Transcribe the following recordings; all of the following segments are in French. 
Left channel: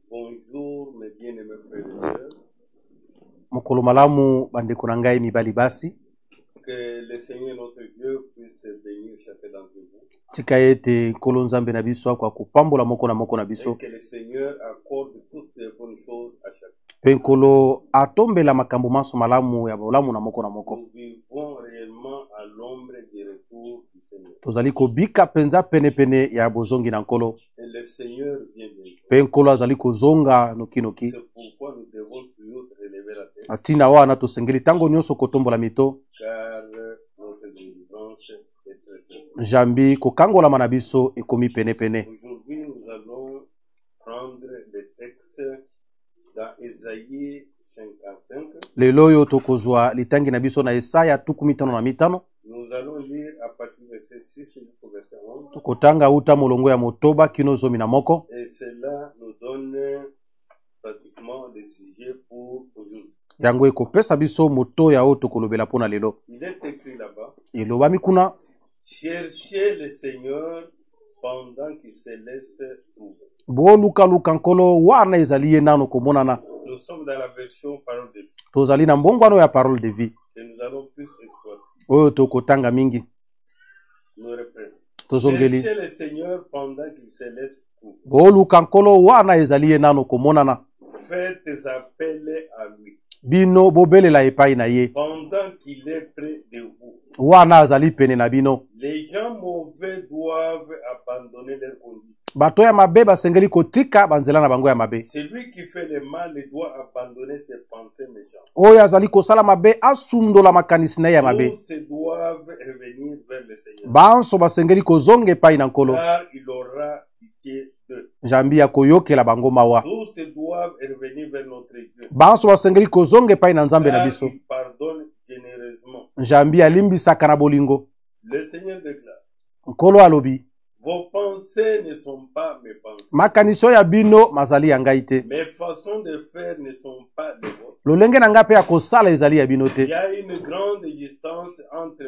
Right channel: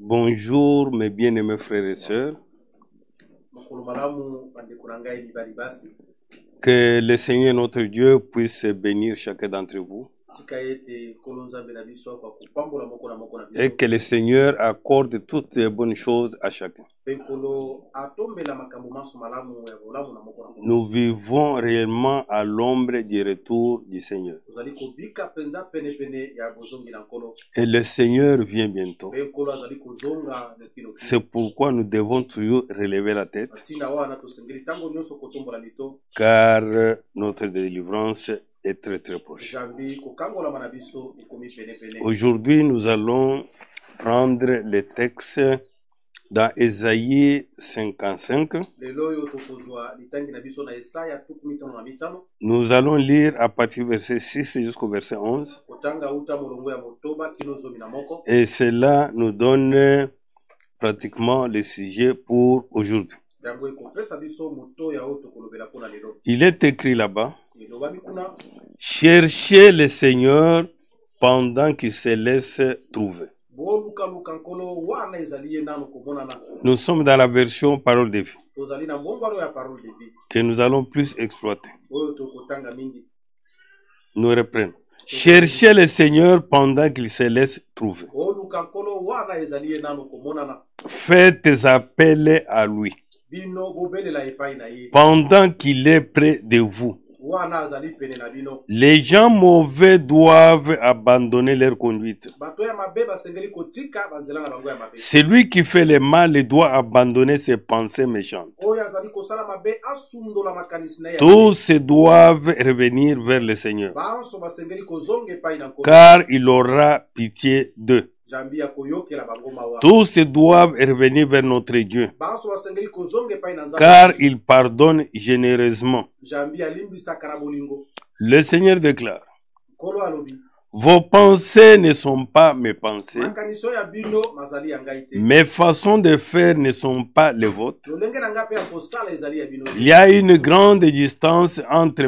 Bonjour mes bien-aimés frères et sœurs. Mokolo malamu bandeko na ngai mibali basi. Que le Seigneur notre Dieu puisse bénir chacun d'entre vous. Tika ete nkolo nzambe na biso kwa kupambola moko na biso. Et que le Seigneur accorde toutes les bonnes choses à chacun. Pe nkolo atombela makambo maso malamu ya bolamu na moko. Nous vivons réellement à l'ombre du retour du Seigneur. Tozali kobika penza pene ya bozongi na nkolo. Et le Seigneur vient bientôt. Pe nkolo azali kozonga noki. C'est pourquoi nous devons toujours relever la tête. Atina wana tosengeli tango nyonso kotombola mito. Car notre délivrance est très proche. Jambi kokangola manabiso ekomi pene. Aujourd'hui, nous allons prendre le texte dans Ésaïe 55. Lelo yo tokozwa litangi na biso na Esaya 55. Nous allons lire à partir du verset 6 jusqu'au verset 11. Kotanga uta molongo ya motoba kino zomi na moko. Et cela nous donne pratiquement le sujet pour aujourd'hui. Yango ekopesa biso moto ya oto kolobela pona lelo. Il est écrit là-bas: Elobami kuna, cherchez le Seigneur pendant qu'il se laisse trouver. Bo luka nkolo wana ezali ye nano komonana. Nous sommes dans la version parole de vie Tozali na mbongwano ya parole de vie. que nous allons plus exploiter. Oyo tokotanga mingi. Nous reprenons. Cherchez le Seigneur pendant qu'il se laisse trouver. Bo luka nkolo wana ezali ye nano komonana. Faites appel à lui Bino bobelela epai na ye. pendant qu'il est près de vous. Wana azali pene na bino. Les gens mauvais doivent abandonner leur conduite. Bato ya mabe basengeli kotika banzela na bango ya mabe. Celui qui fait le mal doit abandonner ses pensées méchantes. Oyo azali kosala mabe asundola makanisi na ya mabe. Tous doivent revenir vers le Seigneur, Banso basengeli kozonga epai na nkolo. car il aura pitié d'eux. Jambi ya koyokela bango mawa. Tous doivent revenir vers notre Dieu, Banso basengeli kozonga epai na nzambe na car biso. il pardonne généreusement. Jambi alimbisaka na bolingo. Le Seigneur déclare: Nkolo alobi, vos pensées ne sont pas mes pensées, makaniso ya bino mazali ya ngai te. mes façons de faire ne sont pas les vôtres. Lolenge na ngai pe ya kosala ezali ya bino Il y te. a une grande distance entre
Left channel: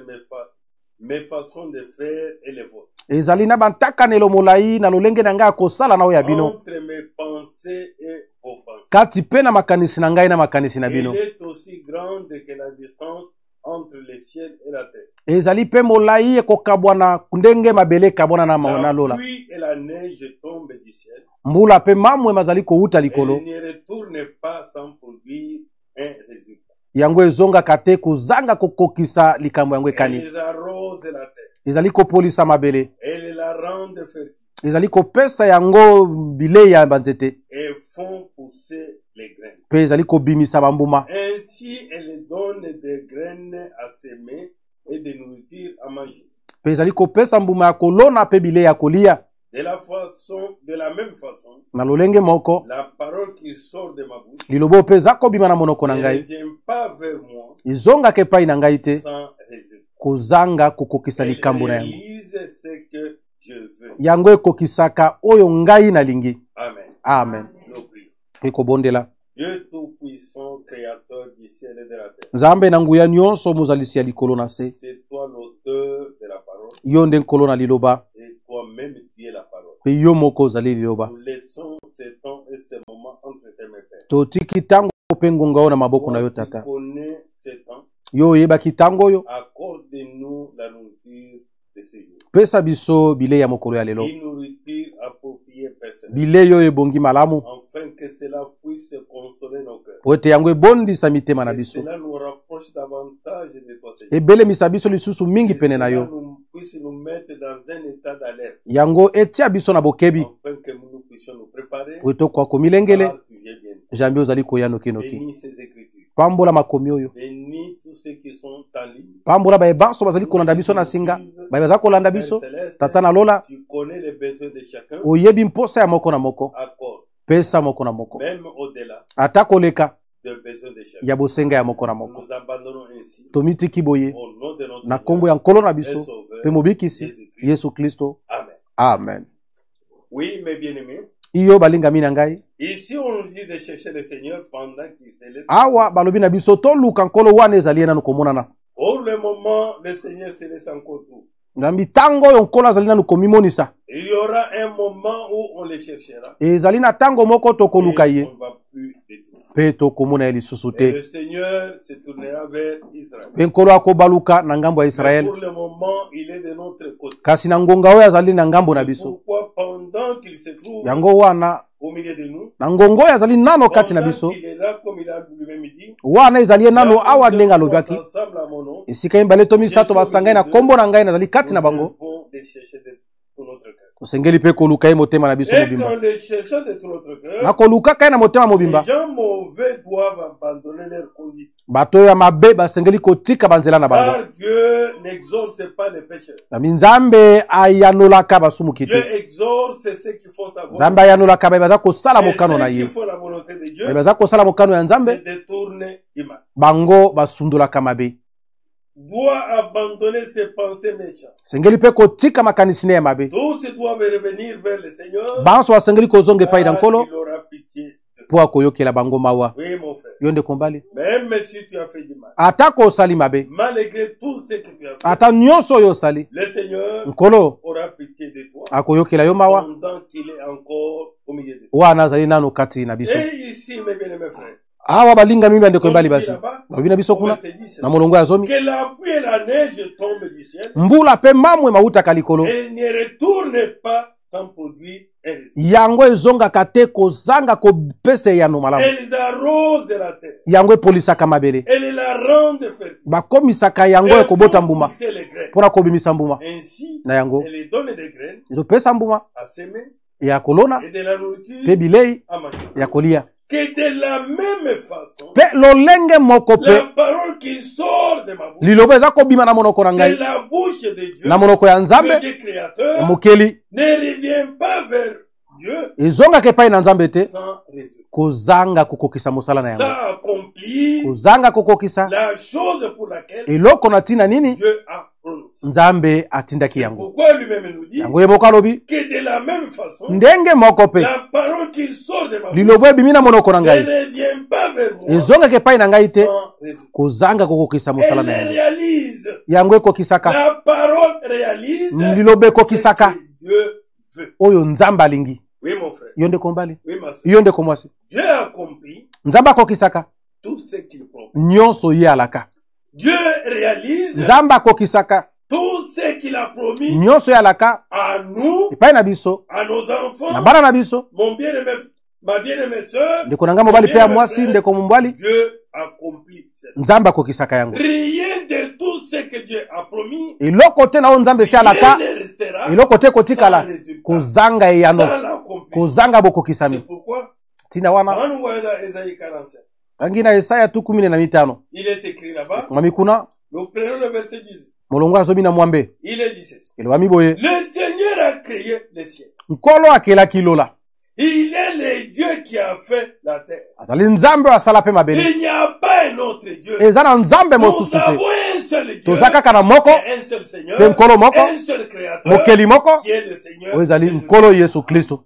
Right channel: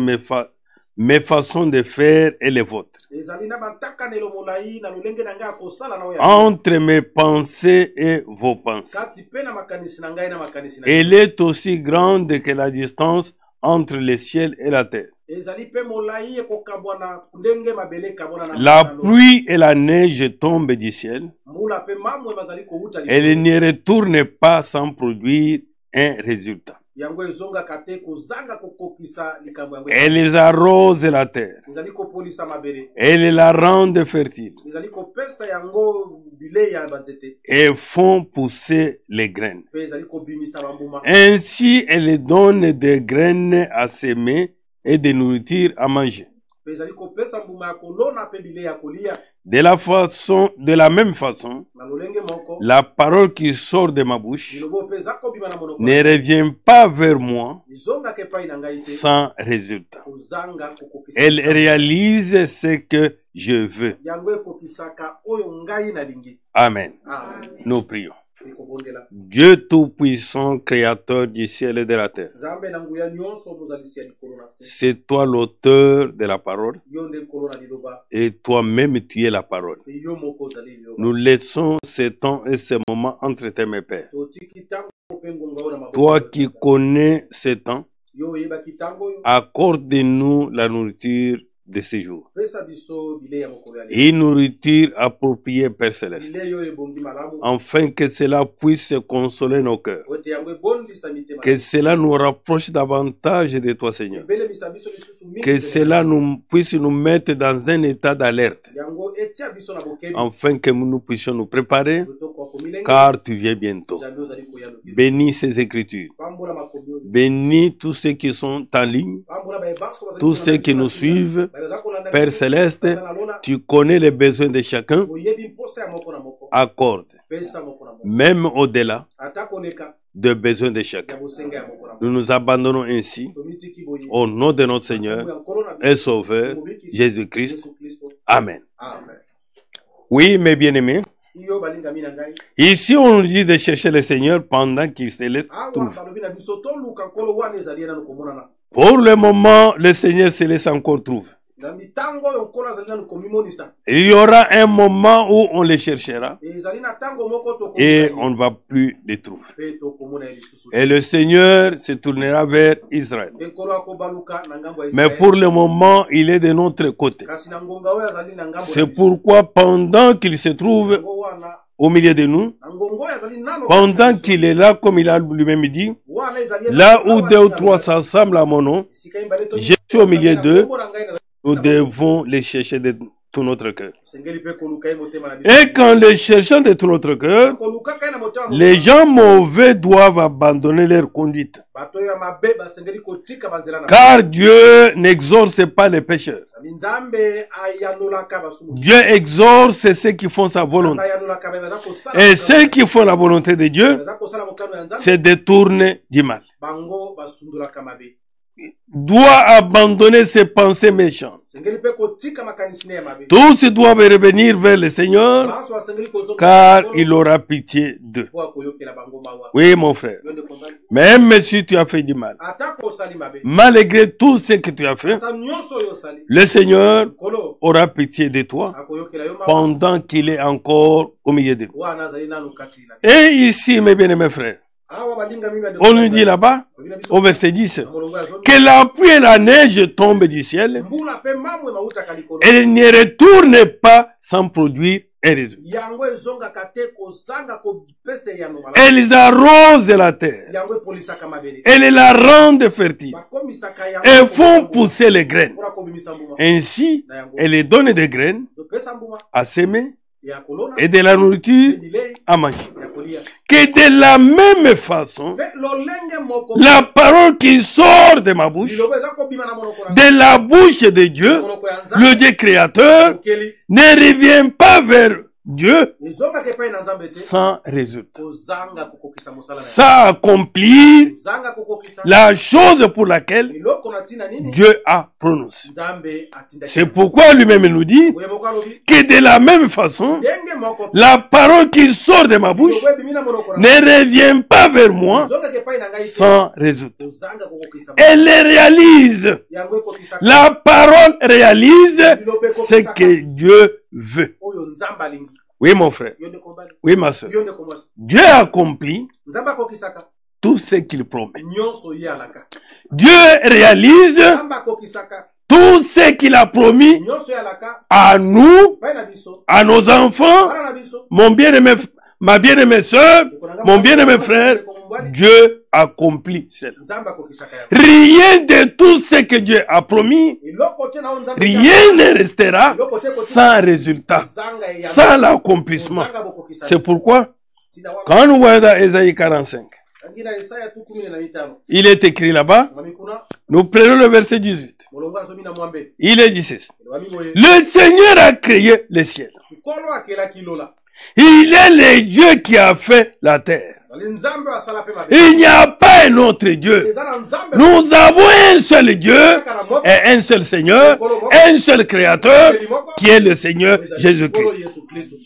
mes façons de faire et les vôtres, Ezali na bantakanelo molai na lolenge na ngai ya kosala na oyo ya bino. entre mes pensées et vos pensées. Kati pe na makanisi na ngai na makanisi na Elle bino. est aussi grande que la distance entre le ciel et la terre. Ezali pe molai ekokabwana ndenge mabele ekabwana na La lola. pluie et la neige tombent du ciel. Mbula pe mamwe mazali kouta Elle likolo. ne retourne pas sans produire un résultat. Yango ezongaka te kozanga kokokisa likambo yango ekali. Elles arrosent la terre. Ezali kopolisa mabele. Elles la rendent fertile Ezali kopesa yango bilei ya banzete. et font pousser les graines. Pe ezali kobimisa bambuma. Ainsi, elles donnent des graines à semer et de nourriture à manger. Pe ezali kopesa mbuma ya kolona pe bilei ya kolia. De la même façon, Na lolenge moko, la parole qui sort de ma bouche lilobo pe eza kobima na monoko na ne ngai. revient pas vers moi Ezongaka epai na ngai te. sans résultat. Kozanga kokokisa Elle likambo yango. réalise ce que je veux. Yango ekokisaka oyo ngai nalingi. Amen. Amen. Nous prions. Ekobondela. Dieu Tout-Puissant, Créateur du ciel et de la terre, Nzambe na nguya nyonso mozalisi ya likolo na se. c'est toi l'auteur de la parole Yo nde nkolo na liloba. et toi-même tu es la parole. Pe yo moko ozali liloba. Nous laissons ce temps et ce moment entre tes mains, Père. Totiki tango pe ngonga oyo na maboko na Toi yo qui tata. connais ce temps, Yo oyebaki tango oyo. accorde-nous la nourriture de ce jour. Pesa biso bilei ya mokolo ya lelo. Une nourriture appropriée, Père Céleste, Bilei oyo ebongi malamu. afin que cela puisse consoler nos cœurs. Po ete yango ebondisa mitema na Que biso. cela nous rapproche davantage de toi, Seigneur. Ebelemisa biso lisusu mingi Que pene na cela yo. puisse nous mettre dans un état d'alerte, Yango etia biso na bokebi. afin que nous puissions nous préparer, Po etoko komilengele. car tu viens bientôt. Jambi ozali koyano kino. Bénis ces écritures. Pambola makomi oyo. Bénis tous ceux qui sont en ligne, Pambola ba ebanso bazali tous kolanda ceux biso qui na nous singa. suivent. Ba bazali kolanda Père biso. Céleste, Tata na lola. tu connais les besoins de chacun. Oyebi mposa ya moko na moko. Accorde, Pesa moko na moko. même au-delà Ata koleka des besoins de chacun. ya bosenga ya moko na Nous moko. nous abandonnons ainsi Tomitiki boye. au nom de notre Na Seigneur kombo ya nkolo na et biso. Sauveur Tumubikisi Jésus-Christ. Yesu Kristo. Amen. Amen. Oui, mes bien-aimés, Iyo balinga mina ngai. ici on nous dit de chercher le Seigneur pendant qu'il se laisse Awa trouver. balobi na biso toluka nkolo wana ezali nanu komonana. Pour le moment, le Seigneur se laisse encore trouver. nzambi tango oyo nkolo azali nanu komimonisa il y aura un moment où on les cherchera ezali na tango moko tokoluka et ye on ne va plus les trouver. mpe tokomona ye lisusu Et te le Seigneur se tournera vers Israël. mpe nkolo akobaluka na ngambo ya Mais Israele pour le moment, il est de notre côté. kasi na ngonga oyo azali na ngambo na C'est biso pourquoi pendant qu'il se trouve yango wana au milieu de nous, na ngonga oyo azali nano kati na pendant biso qu'il est là, comme il a lui-même dit, wana ezali ye nano là où awa deux ou ndenge trois alobaki s'assemblent à mon nom, esika mibale to misato Je suis au basangani na milieu d'eux. kombo na ngai nazali kati nous na bango devons les chercher de tout notre cœur. osengeli mpe koluka ye motema na biso Et quand les cherchons de tout notre na cœur, kolukaka ye na motema les mobimba gens mauvais doivent abandonner leur conduite. bato oyo ya mabe basengeli kotika banzela na bango Car Dieu n'exorce pas les pécheurs. nami nzambe ayanolaka basumukisi Dieu exorce ceux qui font sa nzambe volonté. ayanolaka baye baza kosala Et mokano na ceux ye qui font la volonté de Dieu baza kosala mokano ya se nzambe détournent du mal. bango basundolaka mabe Doit abandonner ses pensées méchantes. sengeli mpe kotika makanisi ne ya mabe Tous doivent revenir vers le Seigneur banso basengeli kozonga epai ya car nkolo il aura pitié d'eux. mpo akoyokela bango mawa Oui, mon frère. yo nde kombali Même si tu as fait du mal, atako osali mabe malgré tout ce que tu as fait, ata nyonso oyo osali le Seigneur nkolo aura pitié de toi akoyokela yo mawa pendant qu'il est encore au milieu de vous. wana azali nano kati na biso Et ici, mes bien-aimés frères, awa balingami bandeko on nous bali dit basi là-bas, babi na biso au kuna, verset 10, na molongo ya zomi que la pluie et la neige tombent du ciel mbula mpe mamwe mautaka likolo et ne retournent pas sans produire un résultat. yango ezongaka te kozanga kopesa eyano malamu Elles arrosent la terre, yango epolisaka mabele elles la rendent fertile bakomisaka yango et ekobota font mbuma pousser les graines. mpona kobimisa mbuma Ainsi, na yango elles donnent des graines ezopesa mbuma à semer ya kolona et de la mpe nourriture bilei à manger. ya kolia Que de la même façon, mpe lolenge moko la mpe parole qui sort de ma bouche, liloba eza kobima na monoko na de ngai la bouche de Dieu, na monoko ya le nzambe Dieu ya créateur, mokeli ne revient pas vers Dieu ezongaka epai na nzambe te sans résultat. kozanga kokokisa mosala na yango Ça accomplit kozanga kokokisa la chose pour laquelle eloko na ntina nini Dieu a prononcé. nzambe atindaki C'est yango pourquoi lui-même nous dit yango ye moko alobi que de la même façon, ndenge moko mpe la parole qui sort de ma bouche lilobo ebimi na monoko na ne ngai revient pas vers moi ezongaka epai na ngai te sans résultat. kozanga kokokisa mosala Elle na yango. réalise. yango ekokisaka La parole réalise liloba ce ekokisaka que Dieu veut. oyo nzambe alingi Oui, mon frère. yo ndeko mbali Oui, ma soeur. yo ndeko mwasi Dieu accomplit nzambe akokisaka tout ce qu'il promet. nyonso ye alaka Dieu réalise nzambe akokisaka tout ce qu'il a promis nyonso ye alaka à nous, epai na biso à nos enfants, bana na biso mon bien-aimé, ma bien-aimée sœur, ndeko na ngai mon mobali mpe ya bien-aimé mwasi frère, ndeko mobali Dieu accomplit cela. nzambe akokisaka yango Rien de tout ce que Dieu a promis, eloko te na oyo nzambe esi rien alaka ne restera eloko te sans kotikala résultat, kozanga eyano sans l'accomplissement. kozanga bokokisami C'est pourquoi, ntina wana quand nous voyons dans Ésaïe 45, tangi na esaya tu 15 il est écrit là-bas, ngami kuna nous prenons le verset 18. molongo azomi na mwambe Il est dit ceci. elobami boye Le Seigneur a créé le ciel. nkolo akelaki lola Il est le Dieu qui a fait la terre. azali nzambe oyo asala mpe mabele Il n'y a pas un autre Dieu. eza na nzambe Nous mosusu te. avons un seul Dieu eza kaka na moko et un seul Seigneur, Nkolo moko, un seul Créateur mokeli moko qui est le Seigneur oyo ezali Jésus-Christ. nkolo yesu kristo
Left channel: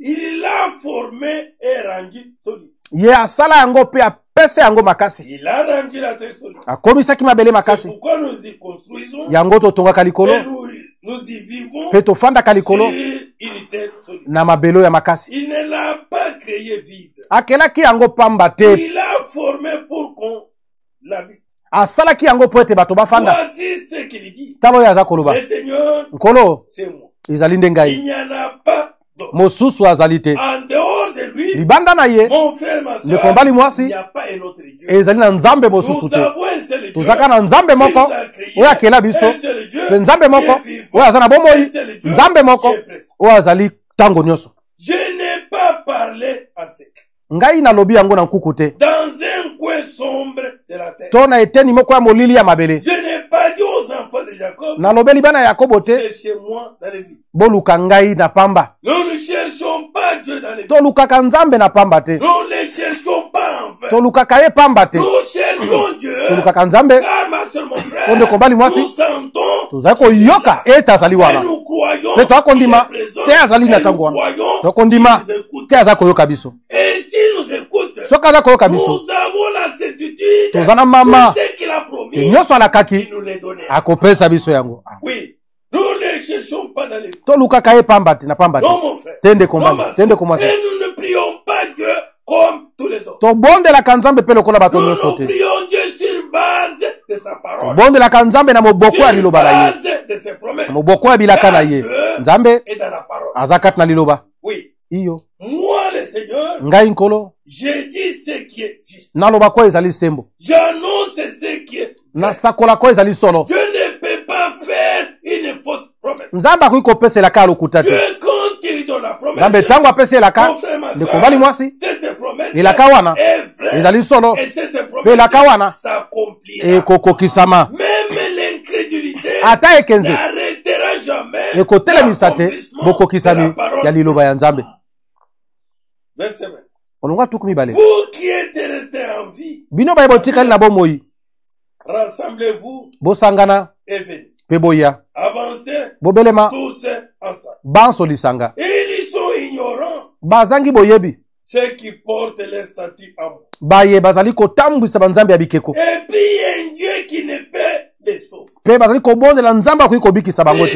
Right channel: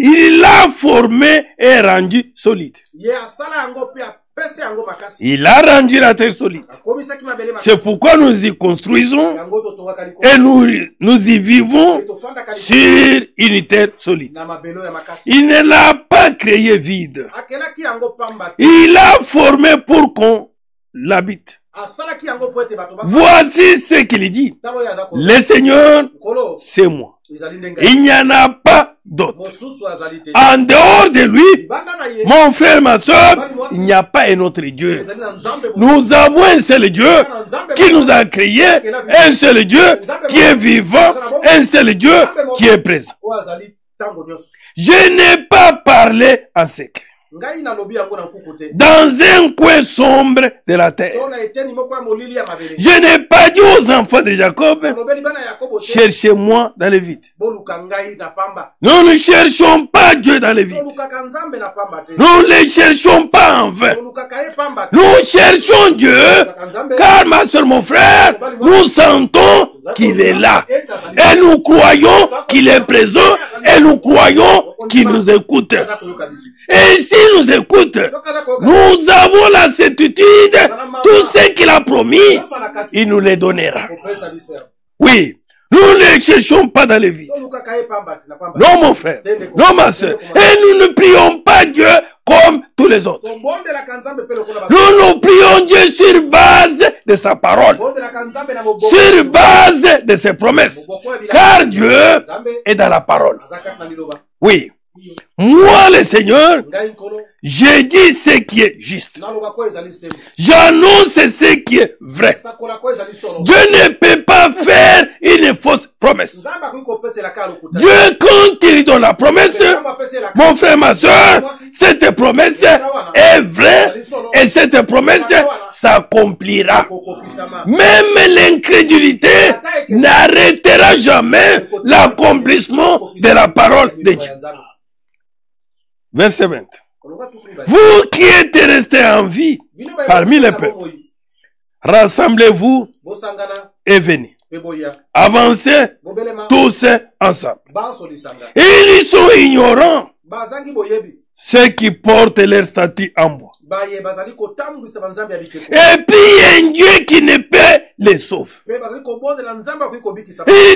Il l'a formé et rendu solide. ye asala yango mpe apesa yango makasi Il a rendu la terre solide. akomisaki mabele C'est makasi pourquoi nous y construisons yango totongaka likolo et nous y vivons mpe tofandaka sur likolo une terre solide. na mabele oyo ya makasi Il ne l'a pas créé vide. akelaki yango pamba te Il l'a formé pour qu'on l'habite. asalaki yango mpo ete bato bafanda Voici ce qu'il dit. tala oyo aza koloba Le Seigneur, nkolo c'est moi. ezali nde ngai Il n'y en a pas d'autre. mosusu azali te En dehors de lui, libanda na ye mon frère, ma soeur, mobali mwasi il n'y a pas un autre Dieu. ezali na nzambe mosusu Nous avons un seul Dieu ezaka na nzambe qui moko nous a créé, ye akela biso un seul Dieu nzambe qui est moko vivant, oyo aza na bomoi un seul Dieu nzambe moko qui est présent. oyo azali ntango nyonso Je n'ai pas parlé en secret. ngai nalobi yango na nkuku te Dans un coin sombre de la terre. to na eteni moko ya molili ya mabele Je n'ai pas dit aux enfants de Jacob, nalobeli bana ya yakobo te cherchez-moi dans le vide. boluka ngai na pamba Nous ne cherchons pas Dieu dans le vide. tolukaka nzambe na pamba te Nous ne le cherchons pas en vain. tolukaka ye pamba te Nous cherchons Dieu. tolukaka nzambe Car ma soeur, mon frère, nous sentons tozali qu'il est là. koyoka ete azali Et wana nous croyons qu'il est présent. Et nous croyons qu'il nous écoute. te aza koyoka biso Et si s'il nous écoute, nous avons la certitude, tout ce qu'il a promis, il nous les donnera. Oui. Nous ne cherchons pas dans les vies. Non, mon frère. Non, ma soeur. Et nous ne prions pas Dieu comme tous les autres. Nous prions Dieu sur base de sa parole. Sur base de ses promesses. Car Dieu est dans la parole. Oui. Moi, le Seigneur, j'ai dit ce qui est juste. J'annonce ce qui est vrai. Dieu ne peut pas faire une fausse promesse. Dieu, quand il donne la promesse, mon frère, ma soeur, cette promesse est vraie et cette promesse s'accomplira. Même l'incrédulité n'arrêtera jamais l'accomplissement de la parole de Dieu. Verset 20. Vous qui êtes restés en vie parmi les peuples, rassemblez-vous et venez. Avancez tous ensemble. Ils sont ignorants, ceux qui portent leur statut en bois. Et puis un Dieu qui ne peut les sauver. Il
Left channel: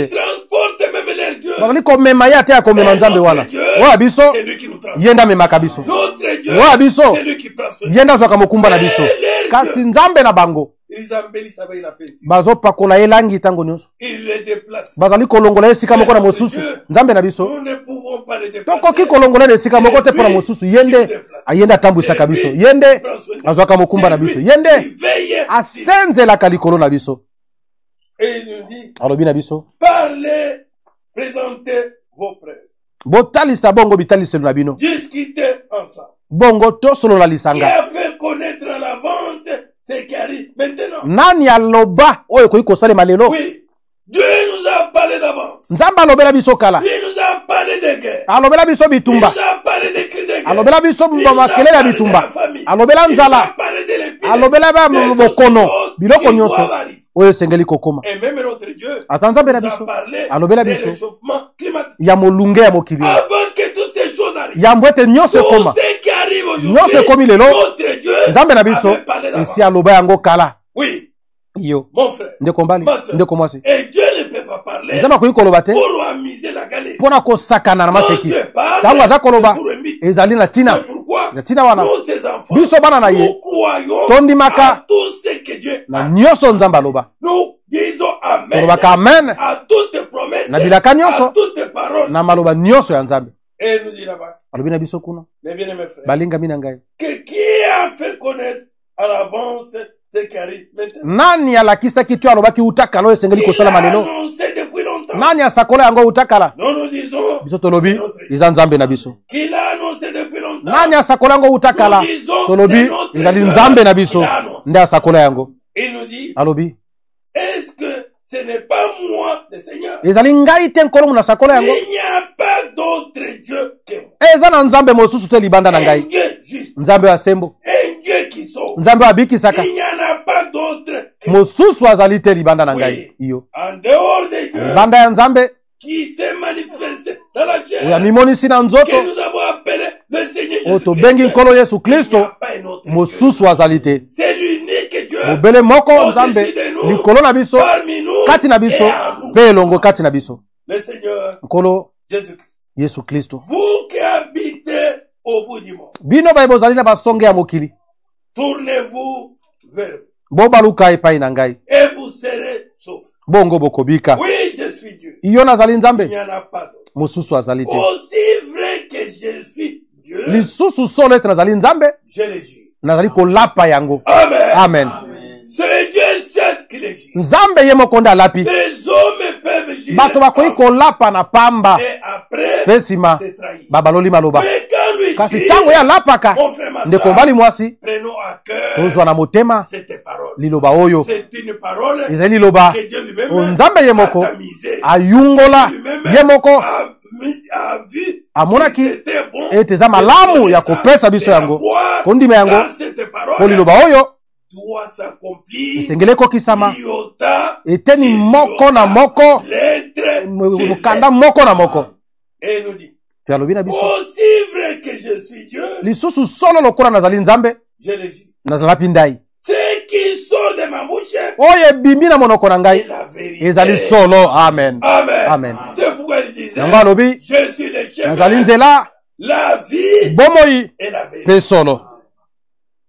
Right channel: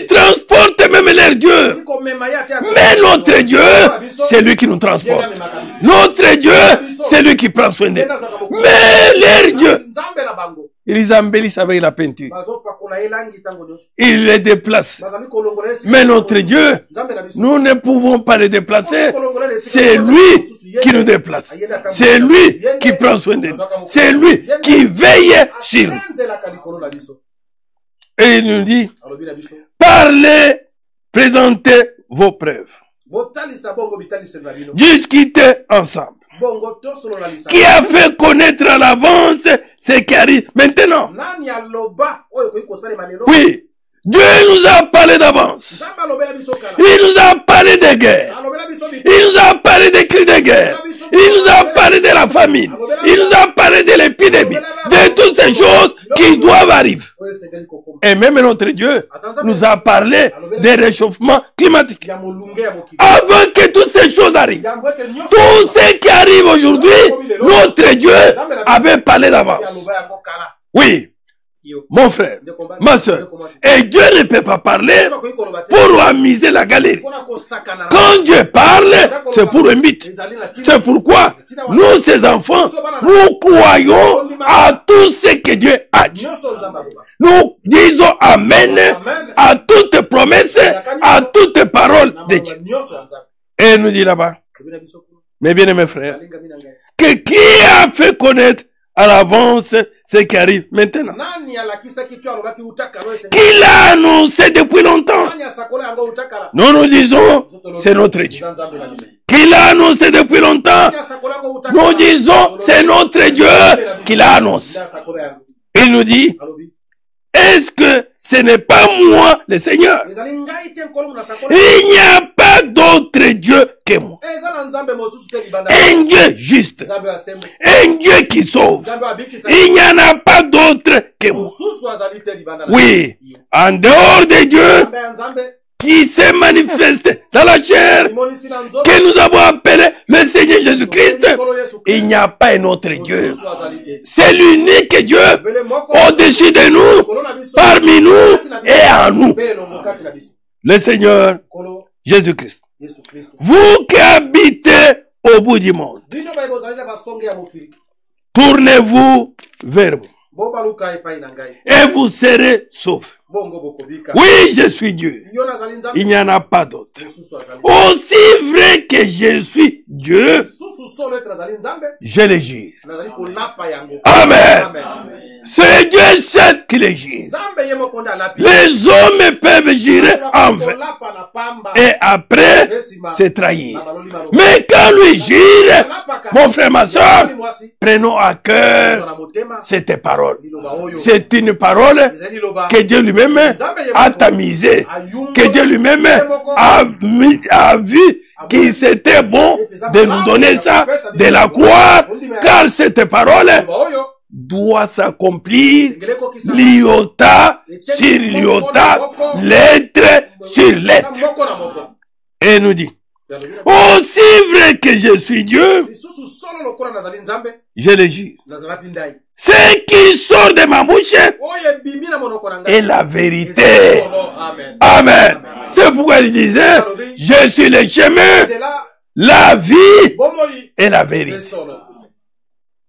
transporte même leur Dieu. Mais notre Dieu, c'est lui qui nous transporte. Notre Dieu, c'est lui qui prend soin de nous. Mais leur Dieu, ils embellissent avec la peinture. Ils les déplacent. Mais notre Dieu, nous ne pouvons pas les déplacer. C'est lui qui nous déplace. C'est lui qui prend soin de nous. C'est lui qui veille sur nous. Et il nous dit, parlez, présentez vos preuves. Discutez ensemble. Qui a fait connaître à l'avance ce qui arrive maintenant? Oui. Dieu nous a parlé d'avance. Il nous a parlé de guerre. Il nous a parlé des cris de guerre. Il nous a parlé de la famine. Il nous a parlé de l'épidémie. De toutes ces choses qui doivent arriver. Et même notre Dieu nous a parlé des réchauffements climatiques. Avant que toutes ces choses arrivent, tout ce qui arrive aujourd'hui, notre Dieu avait parlé d'avance. Oui. Mon frère, ma soeur, et Dieu ne peut pas parler pour amuser la galerie. Quand Dieu parle, c'est pour un but. C'est pourquoi nous, ces enfants, nous croyons à tout ce que Dieu a dit. Nous disons Amen à toute promesse, à toute parole. Et il nous dit là-bas, mes bien-aimés frères, que qui a fait connaître à l'avance ce qui arrive maintenant? Il a annoncé depuis longtemps. Nous nous disons, c'est notre Dieu. Qu'il a annoncé depuis longtemps. Nous disons, c'est notre Dieu qui l'a annoncé. Il nous dit, est-ce que ce n'est pas moi le Seigneur? Il n'y a pas d'autre Dieu que moi. Un Dieu juste. Un Dieu qui sauve. Il n'y en a pas d'autre que moi. Oui. En dehors de Dieu qui se manifeste dans la chair, que nous avons appelé le Seigneur Jésus-Christ, il n'y a pas un autre Dieu. C'est l'unique Dieu au-dessus de nous, parmi nous et en nous. Le Seigneur Jésus-Christ. Vous qui habitez au bout du monde, tournez-vous vers vous. Et vous serez saufs. Oui, je suis Dieu. Il n'y en a pas d'autre. Aussi vrai que je suis Dieu, je le jure. Amen. C'est Dieu seul qui les jure. Les hommes peuvent jurer et après se trahir. Mais quand lui jure, mon frère, ma soeur, prenons à cœur cette parole. C'est une parole que Dieu lui-même a tamisée, que Dieu lui-même a vu qu'il c'était bon de nous donner ça, de la gloire, car cette parole doit s'accomplir l'iota sur l'iota, lettre sur lettre. Et nous dit, Aussi vrai que je suis Dieu, je le jure. Ce qui sort de ma bouche est la vérité. Amen. Amen. C'est pourquoi il disait, je suis le chemin, la vie et la vérité.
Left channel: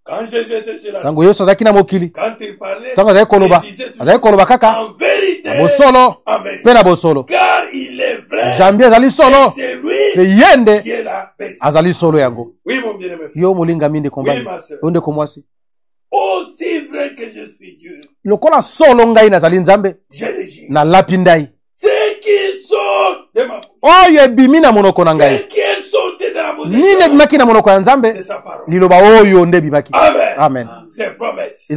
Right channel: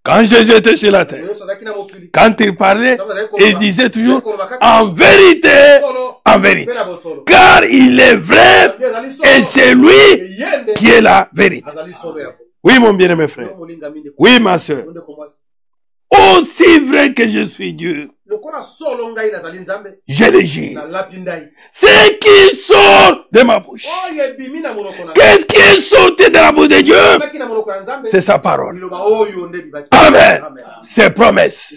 Quand Jésus était sur la terre, quand il parlait, il disait toujours en vérité, car il est vrai et c'est lui qui est la vérité. Oui, mon bien-aimé frère. Oui, ma soeur. Aussi vrai que je suis Dieu, je le jure. Ce qui sort de ma bouche. Qu'est-ce qui est sorti de la bouche de Dieu? C'est sa parole. Amen. Amen. Ses promesses.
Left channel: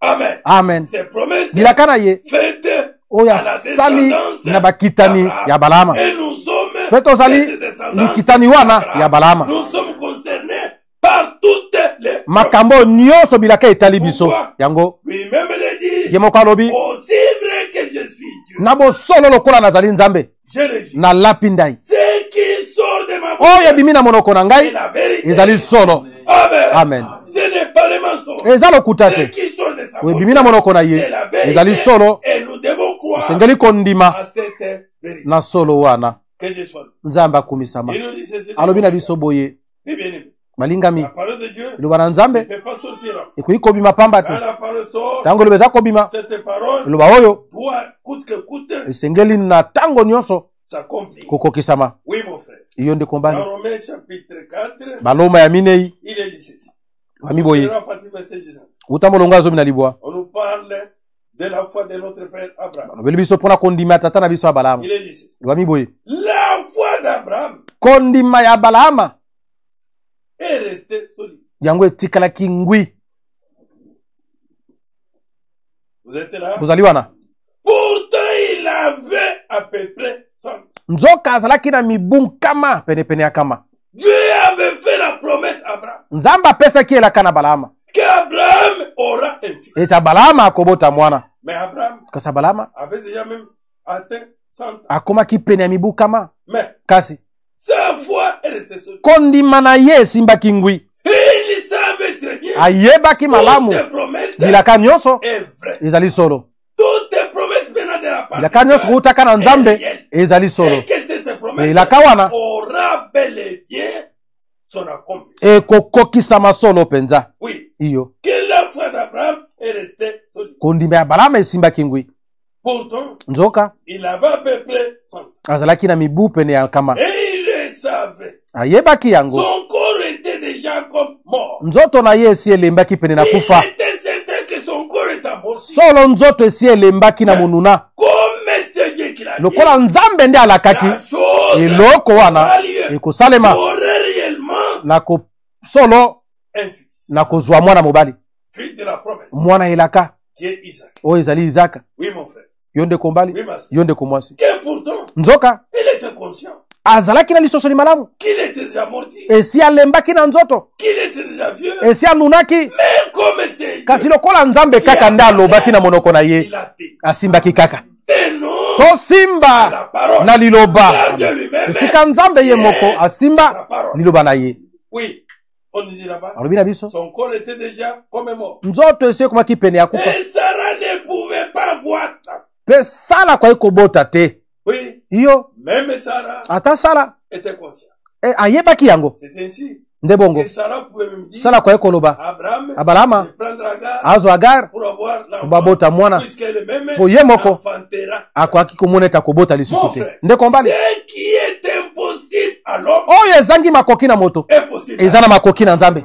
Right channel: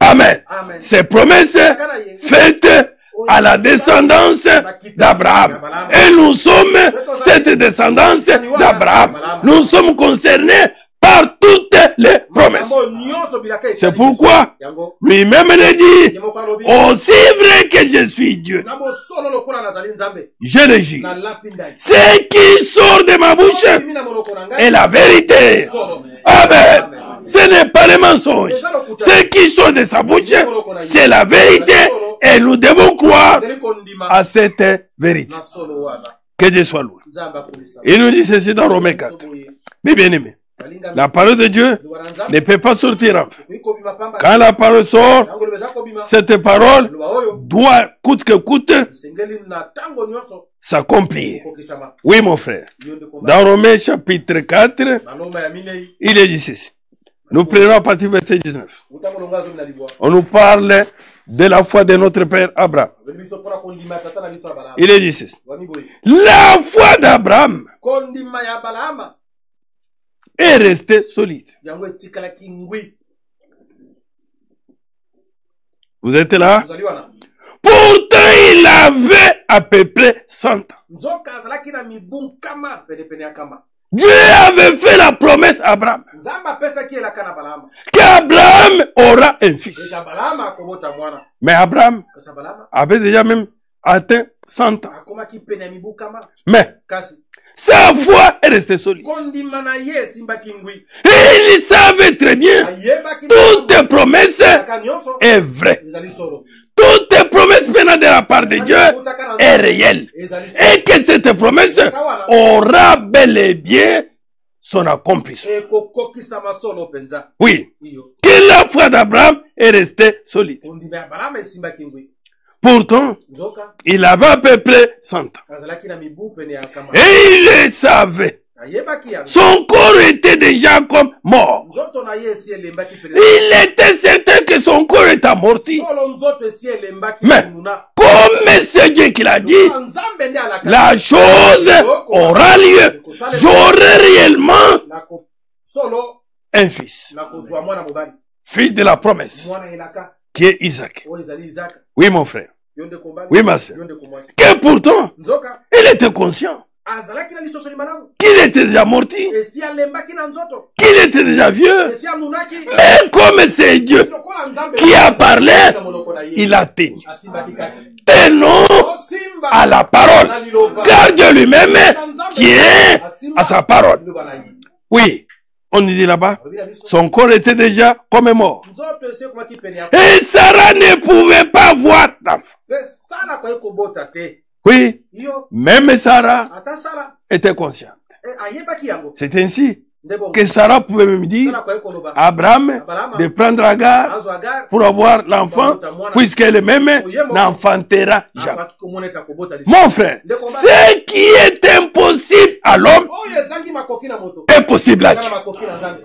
Amen. Amen. Ses promesses faites à la descendance d'Abraham. Et nous sommes cette descendance d'Abraham. Nous sommes concernés par toutes les promesses. C'est pourquoi lui-même le dit, aussi vrai que je suis Dieu, je le jure. Ce qui sort de ma bouche est la vérité. Amen. Amen. Ce n'est pas le mensonge. Ce qui sort de sa bouche, c'est la vérité. Et nous devons croire à cette vérité. Que Dieu soit loué. Il nous dit ceci dans Romains 4. Mais bien aimé, la parole de Dieu ne peut pas sortir en fait. Quand la parole sort, cette parole doit, coûte que coûte, s'accomplir. Oui, mon frère. Dans Romains chapitre 4, il est dit ceci. Nous prenons à partir du verset 19. On nous parle de la foi de notre père Abraham. Il est dit ceci. La foi d'Abraham est restée solide. Vous êtes là? Pourtant, il avait à peu près 100 ans. Dieu avait fait la promesse à Abraham qu'Abraham aura un fils. Mais Abraham avait déjà même atteint 100 ans. Mais sa foi est restée solide. Et il savait très bien toute promesse est vraie. Toute promesse venant de la part de Dieu est réelle. Et que cette promesse aura bel et bien son accomplissement. Oui. Que la foi d'Abraham est restée solide. Pourtant, il avait à peu près 100 ans. Et il savait. Son corps était déjà comme mort. Il était certain que son corps était amorti. Mais comme c'est Dieu qui l'a dit, la chose aura lieu. J'aurai réellement un fils. Fils de la promesse. Qui est Isaac. Oui, mon frère. Oui, ma soeur. Que pourtant, il était conscient qu'il était déjà morti, qu'il était déjà vieux. Mais comme c'est Dieu qui a parlé, il a tenu. Tenons à la parole, car Dieu lui-même tient à sa parole. Oui. On dit là-bas, son corps était déjà comme mort. Et Sarah ne pouvait pas voir d'enfant. Oui, même Sarah était consciente. C'est ainsi que Sarah pouvait me dire Abraham de prendre Agar pour avoir l'enfant, puisqu'elle-même n'enfantera jamais. Mon frère, ce qui est impossible à l'homme est possible à Dieu.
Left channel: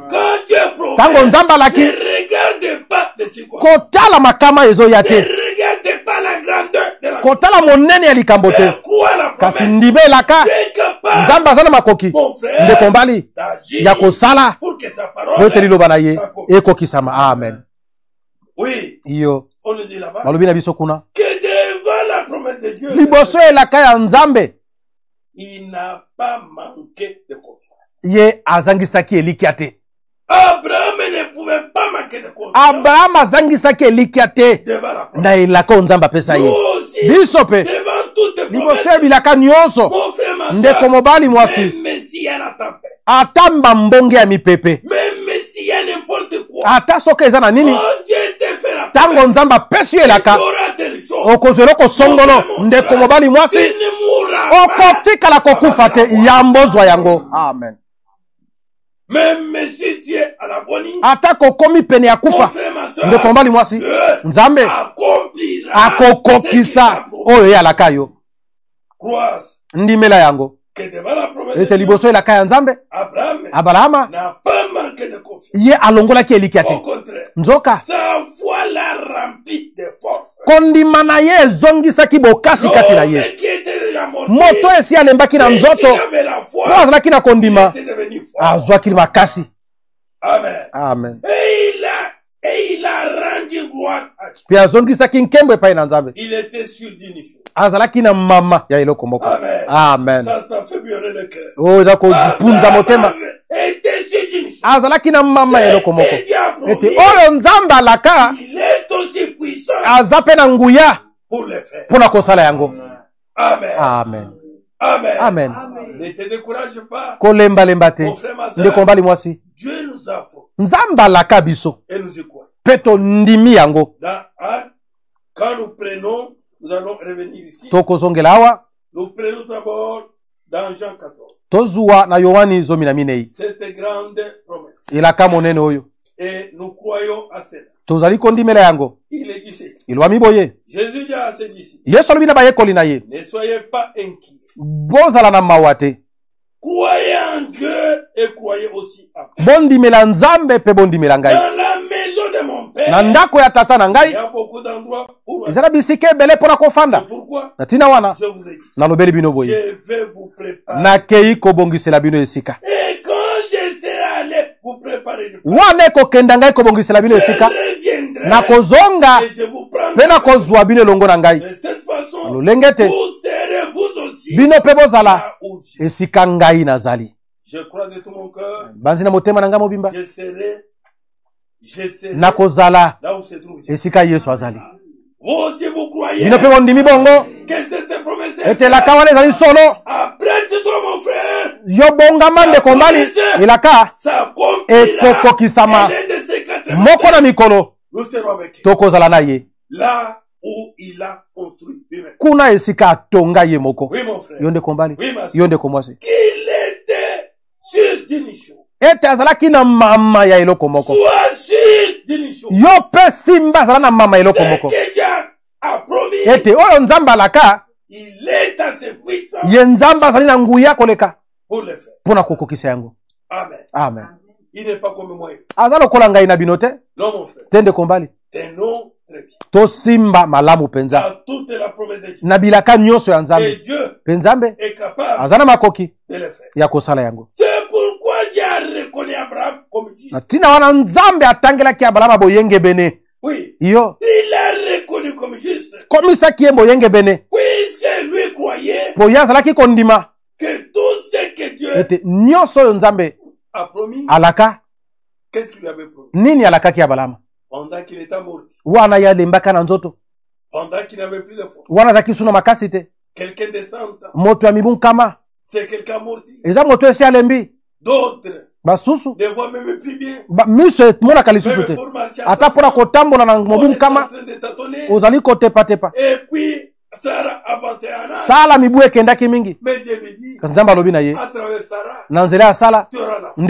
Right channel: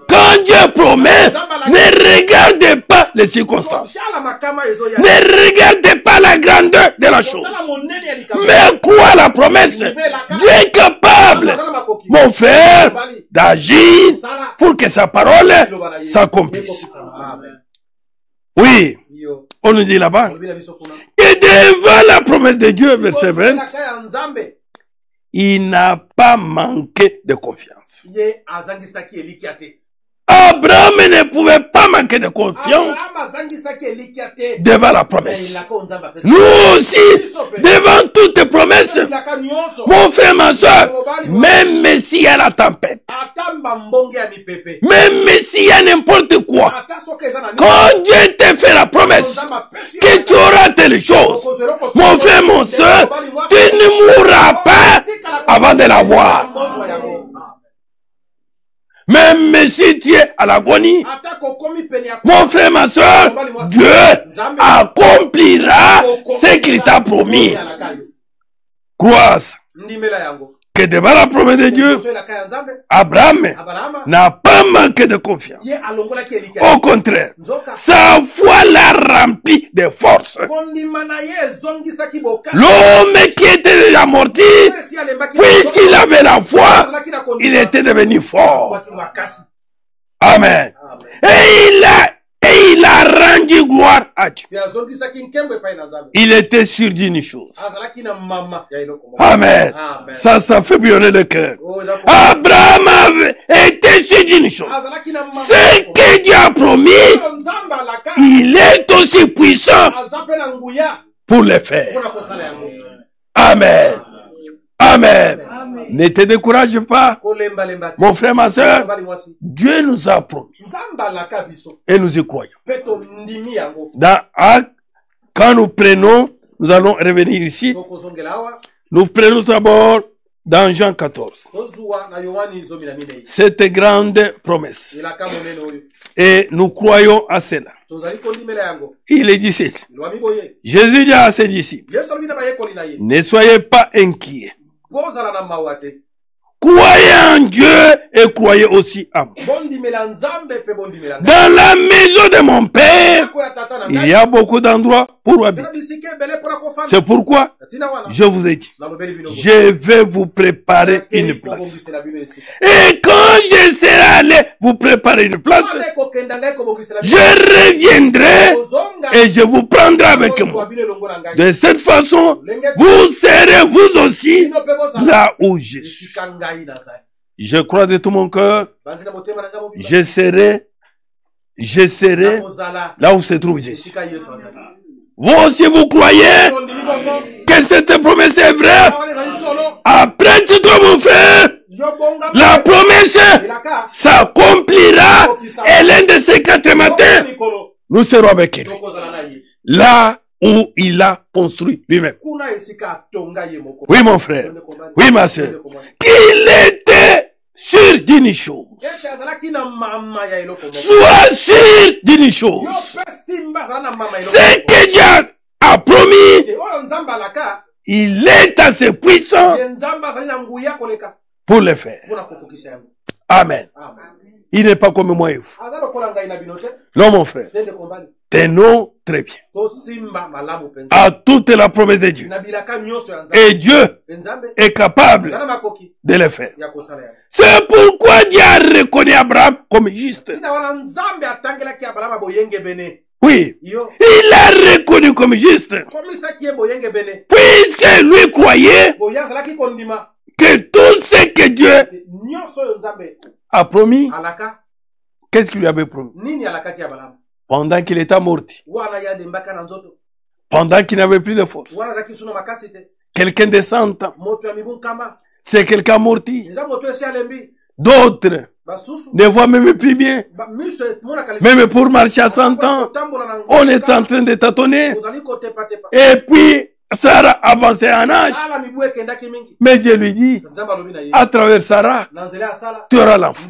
Quand Dieu promet, ne regardez pas les circonstances, ne regardez pas la grandeur de la chose, mais quoi la promesse? Dieu est capable, mon frère, d'agir pour que sa parole s'accomplisse. Oui, on nous dit là-bas que devant la promesse de Dieu, il n'a pas manqué de confiance. Abraham ne pouvait pas manquer de confiance devant la promesse. Nous aussi, devant toutes les promesses, mon frère, ma soeur, même s'il y a la tempête, même s'il y a n'importe quoi, quand Dieu te fait la promesse, que tu auras telle chose, mon frère, mon soeur, tu ne mourras pas avant de la voir. Amen. Même si tu es à l'agonie, mon frère, ma soeur, Dieu accomplira ce qu'il t'a promis. Croise que devant la promesse de Dieu, Abraham n'a pas manqué de confiance. Au contraire, sa foi l'a rempli de force. L'homme qui était déjà morti, puisqu'il avait la foi, il était devenu fort. Amen. Amen. Et il a rendu gloire à Dieu. Il était sûr d'une chose. Amen. Amen. Ça fait bouillonner le cœur. Abraham avait été sûr d'une chose. C'est que Dieu a promis. Il est aussi puissant pour le faire. Amen. Amen. Amen. Amen. Ne te décourage pas. Mon frère, ma soeur, Dieu nous a promis. Et nous y croyons. Quand nous prenons, nous allons revenir ici. Nous prenons d'abord dans Jean 14. Cette grande promesse. Et nous croyons à cela. Il est dit ceci. Jésus dit à ses disciples, ne soyez pas inquiets. Croyez en Dieu et croyez aussi en moi. Dans la maison de mon père, il y a beaucoup d'endroits pour habiter. C'est pourquoi je vous ai dit, je vais vous préparer une place. Et quand je serai allé vous préparer une place, je reviendrai et je vous prendrai avec moi. De cette façon, vous serez vous aussi là où je suis. Je crois de tout mon cœur, je serai là où se trouve Jésus. Vous aussi vous croyez que cette promesse est vraie. Après tout, mon frère, la promesse s'accomplira. Et l'un de ces 4 matins, nous serons avec lui. Là où il a construit lui-même. Oui, mon frère. Oui, ma soeur. Qu'il était sûr d'une chose. Sois sûr d'une chose. C'est que Dieu a promis. Il est assez puissant pour le faire. Amen. Amen. Il n'est pas comme moi et vous. Non, mon frère. Tenons très bien à toute la promesse de Dieu. Et Dieu est capable de le faire. C'est pourquoi Dieu a reconnu Abraham comme juste. Oui, il a reconnu comme juste. Puisque lui croyait que tout ce que Dieu a promis, qu'est-ce qu'il lui avait promis? Pendant qu'il était mort, pendant qu'il n'avait plus de force, quelqu'un de 100 ans, c'est quelqu'un morti. D'autres ne voient même plus bien. Même pour marcher à 100 ans, on est en train de tâtonner. Et puis, Sarah avançait en âge. Mais Dieu lui dit, à travers Sarah, tu auras l'enfant.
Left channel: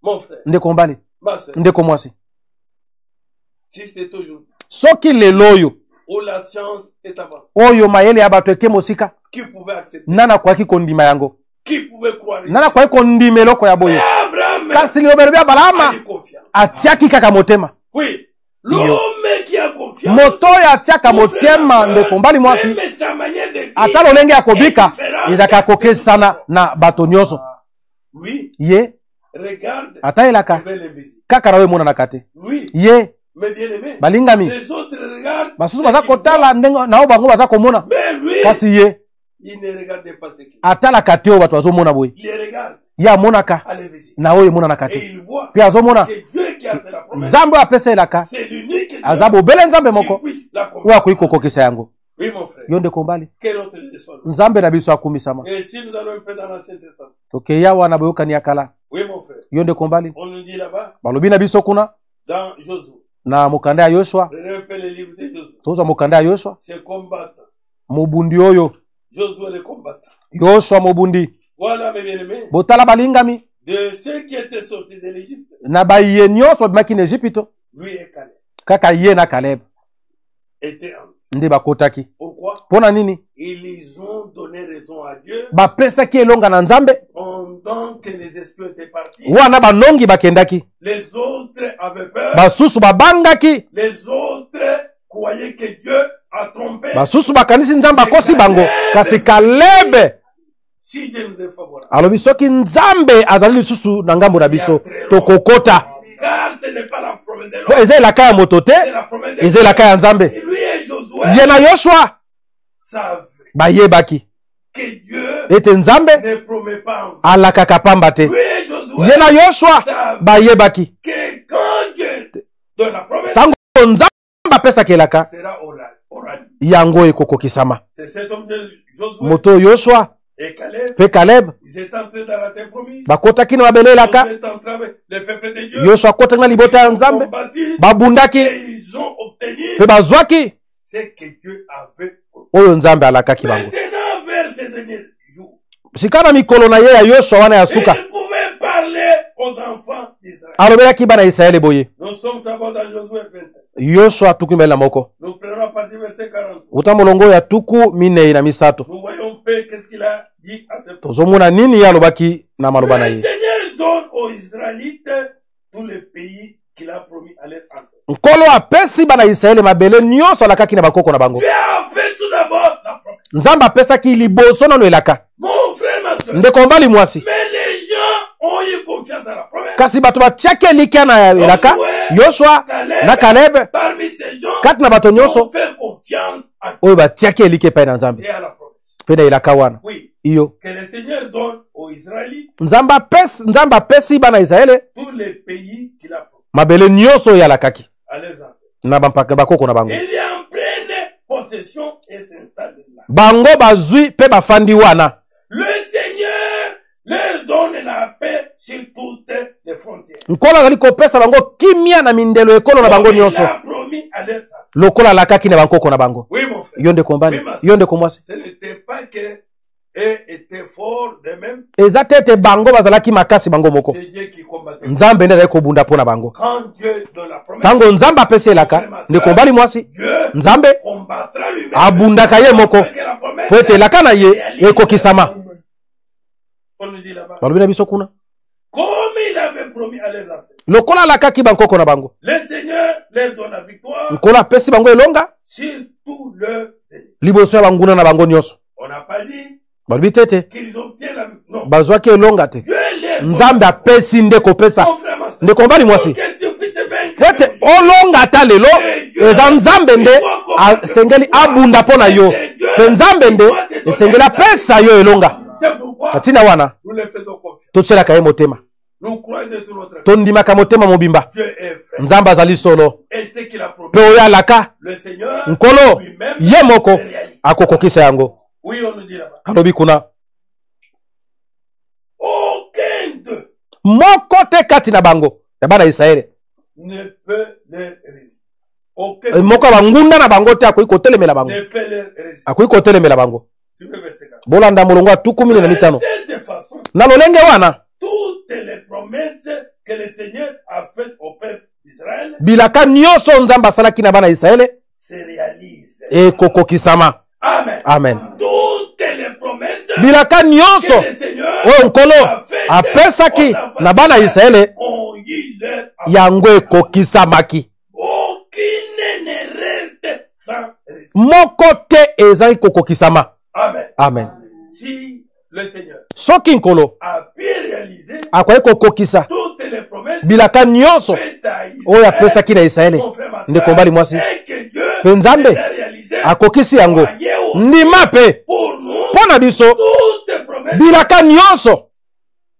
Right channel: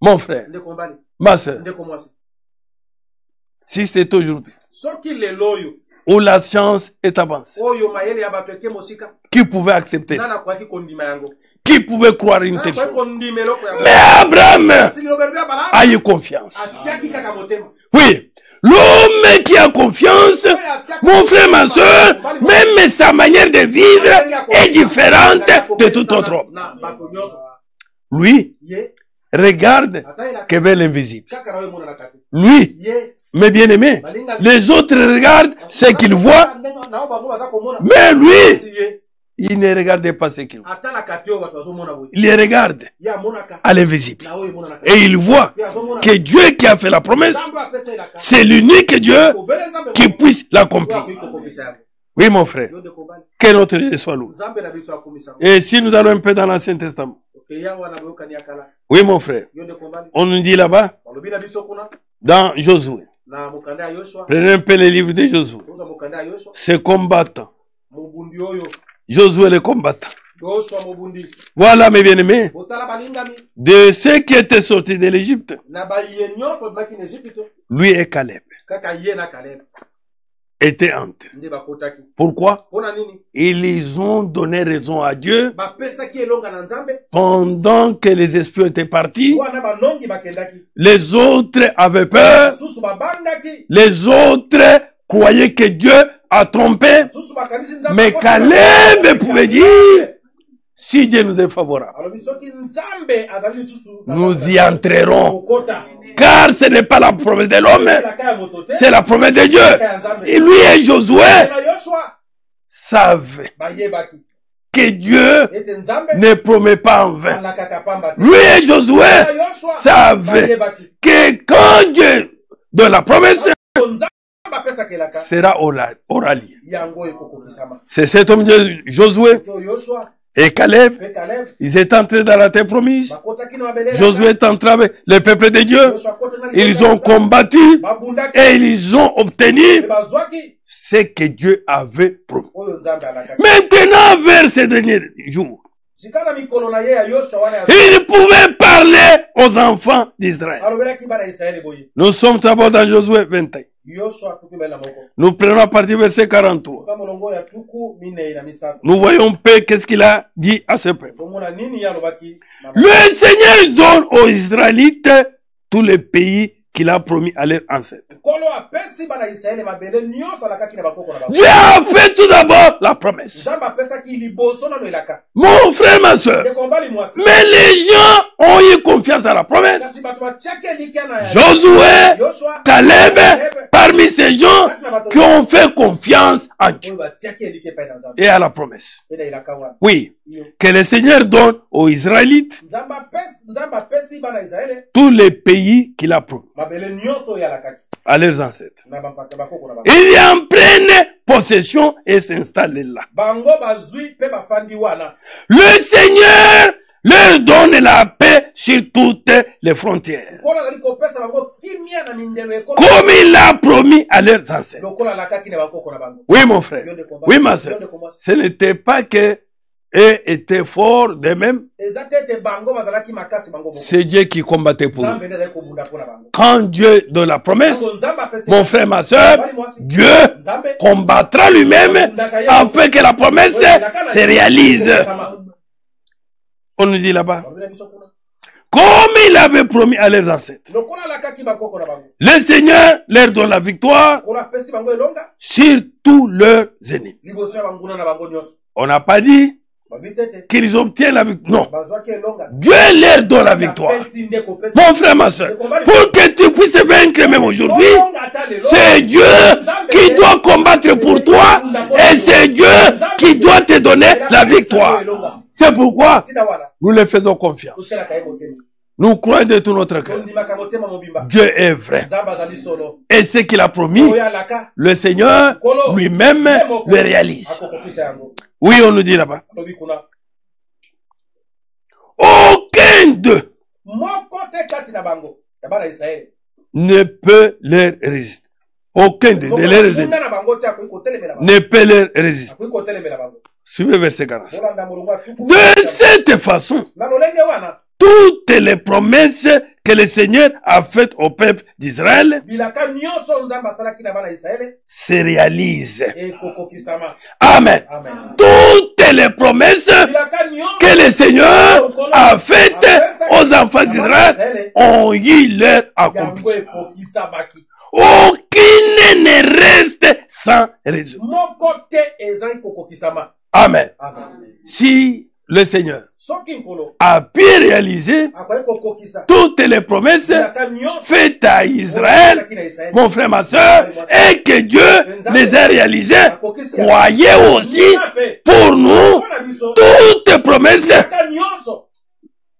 Mon frère, ma soeur, si c'est aujourd'hui où la science est avancée, qui pouvait accepter, qui pouvait croire une chose. Mais Abraham a eu confiance. Oui, l'homme qui a confiance, mon frère, ma soeur, même sa manière de vivre est différente de tout autre. Lui, regarde vers l'invisible. Lui, mes bien-aimés, les autres regardent ce qu'ils voient. Mais lui, Il ne regarde pas ce qu'il voit. Il les regarde à l'invisible. Et il voit que Dieu qui a fait la promesse, c'est l'unique Dieu qui puisse l'accomplir. Oui, mon frère. Que notre Dieu soit loué. Et si nous allons un peu dans l'Ancien Testament. Oui, mon frère. On nous dit là-bas, dans Josué. Prenez un peu les livres de Josué. C'est combattant. Josué le combattant. Voilà mes bien-aimés. De ceux qui étaient sortis de l'Égypte, lui et Caleb étaient entrés. Pourquoi? Ils ont donné raison à Dieu pendant que les espions étaient partis. Les autres avaient peur. Les autres croyaient que Dieu a trompé. Mais Caleb, si Dieu nous est favorable, nous y entrerons. Car ce n'est pas la promesse de l'homme, c'est la promesse de Dieu. Et lui et Josué savent que Dieu ne promet pas en vain. Lui et Josué savent que quand Dieu donne la promesse, sera orali. C'est cet homme de Josué et Caleb, ils étaient entrés dans la terre promise. Josué est entré avec le peuple de Dieu. Ils ont combattu et ils ont obtenu ce que Dieu avait promis. Maintenant, vers ces derniers jours, il pouvait parler aux enfants d'Israël. Nous sommes d'abord dans Josué 21. Nous prenons à partir du verset 43. Nous voyons peu qu'est-ce qu'il a dit à ce peuple. Le Seigneur donne aux Israélites tous les pays qu'il a promis à leurs ancêtres. Dieu a fait tout d'abord la promesse. Mon frère, ma soeur. Mais les gens ont eu confiance à la promesse. Josué, Caleb, parmi ces gens qui ont fait confiance à Dieu et à la promesse. Oui, que le Seigneur donne aux Israélites tous les pays qu'il a promis à leurs ancêtres. Il est en pleine possession et s'installe là. Le Seigneur leur donne la paix sur toutes les frontières. Comme il a promis à leurs ancêtres. Oui, mon frère. Oui, ma soeur. Ce n'était pas que eux étaient forts d'eux-mêmes. C'est Dieu qui combattait pour eux. Quand Dieu donne la promesse, mon frère, ma soeur, Dieu combattra lui-même afin que la promesse se réalise. On nous dit là-bas, comme il avait promis à leurs ancêtres, le Seigneur leur donne la victoire sur tous leurs ennemis. On n'a pas dit qu'ils obtiennent la victoire. Non. Dieu leur donne la victoire. Mon frère, ma soeur, pour que tu puisses vaincre même aujourd'hui, c'est Dieu qui doit combattre pour toi. Et c'est Dieu qui doit te donner la victoire. C'est pourquoi nous le faisons confiance. Nous croyons de tout notre cœur. Dieu est vrai. Et ce qu'il a promis, le Seigneur lui-même le réalise. Oui, on nous dit là-bas. Aucun d'eux ne peut leur résister. Aucun ne peut leur résister. Suivez verset 40. De cette façon, toutes les promesses que le Seigneur a faites au peuple d'Israël se réalisent. Amen. Amen. Toutes les promesses que le Seigneur a faites aux enfants d'Israël ont eu leur accomplissement. Aucune ne reste sans raison. Amen. Amen. Si le Seigneur soki nkolo a pu réaliser akoki kokokisa toutes les promesses bilaka nyonso faites à oyo Israël, apesaki na Israele, mon frère, ma ndeko soeur, mobali mwasi, et que Dieu Nzambe les a réalisés. akokisi yango, Croyez aussi ndima pe pour nous, mpo na biso toutes promesses bilaka nyonso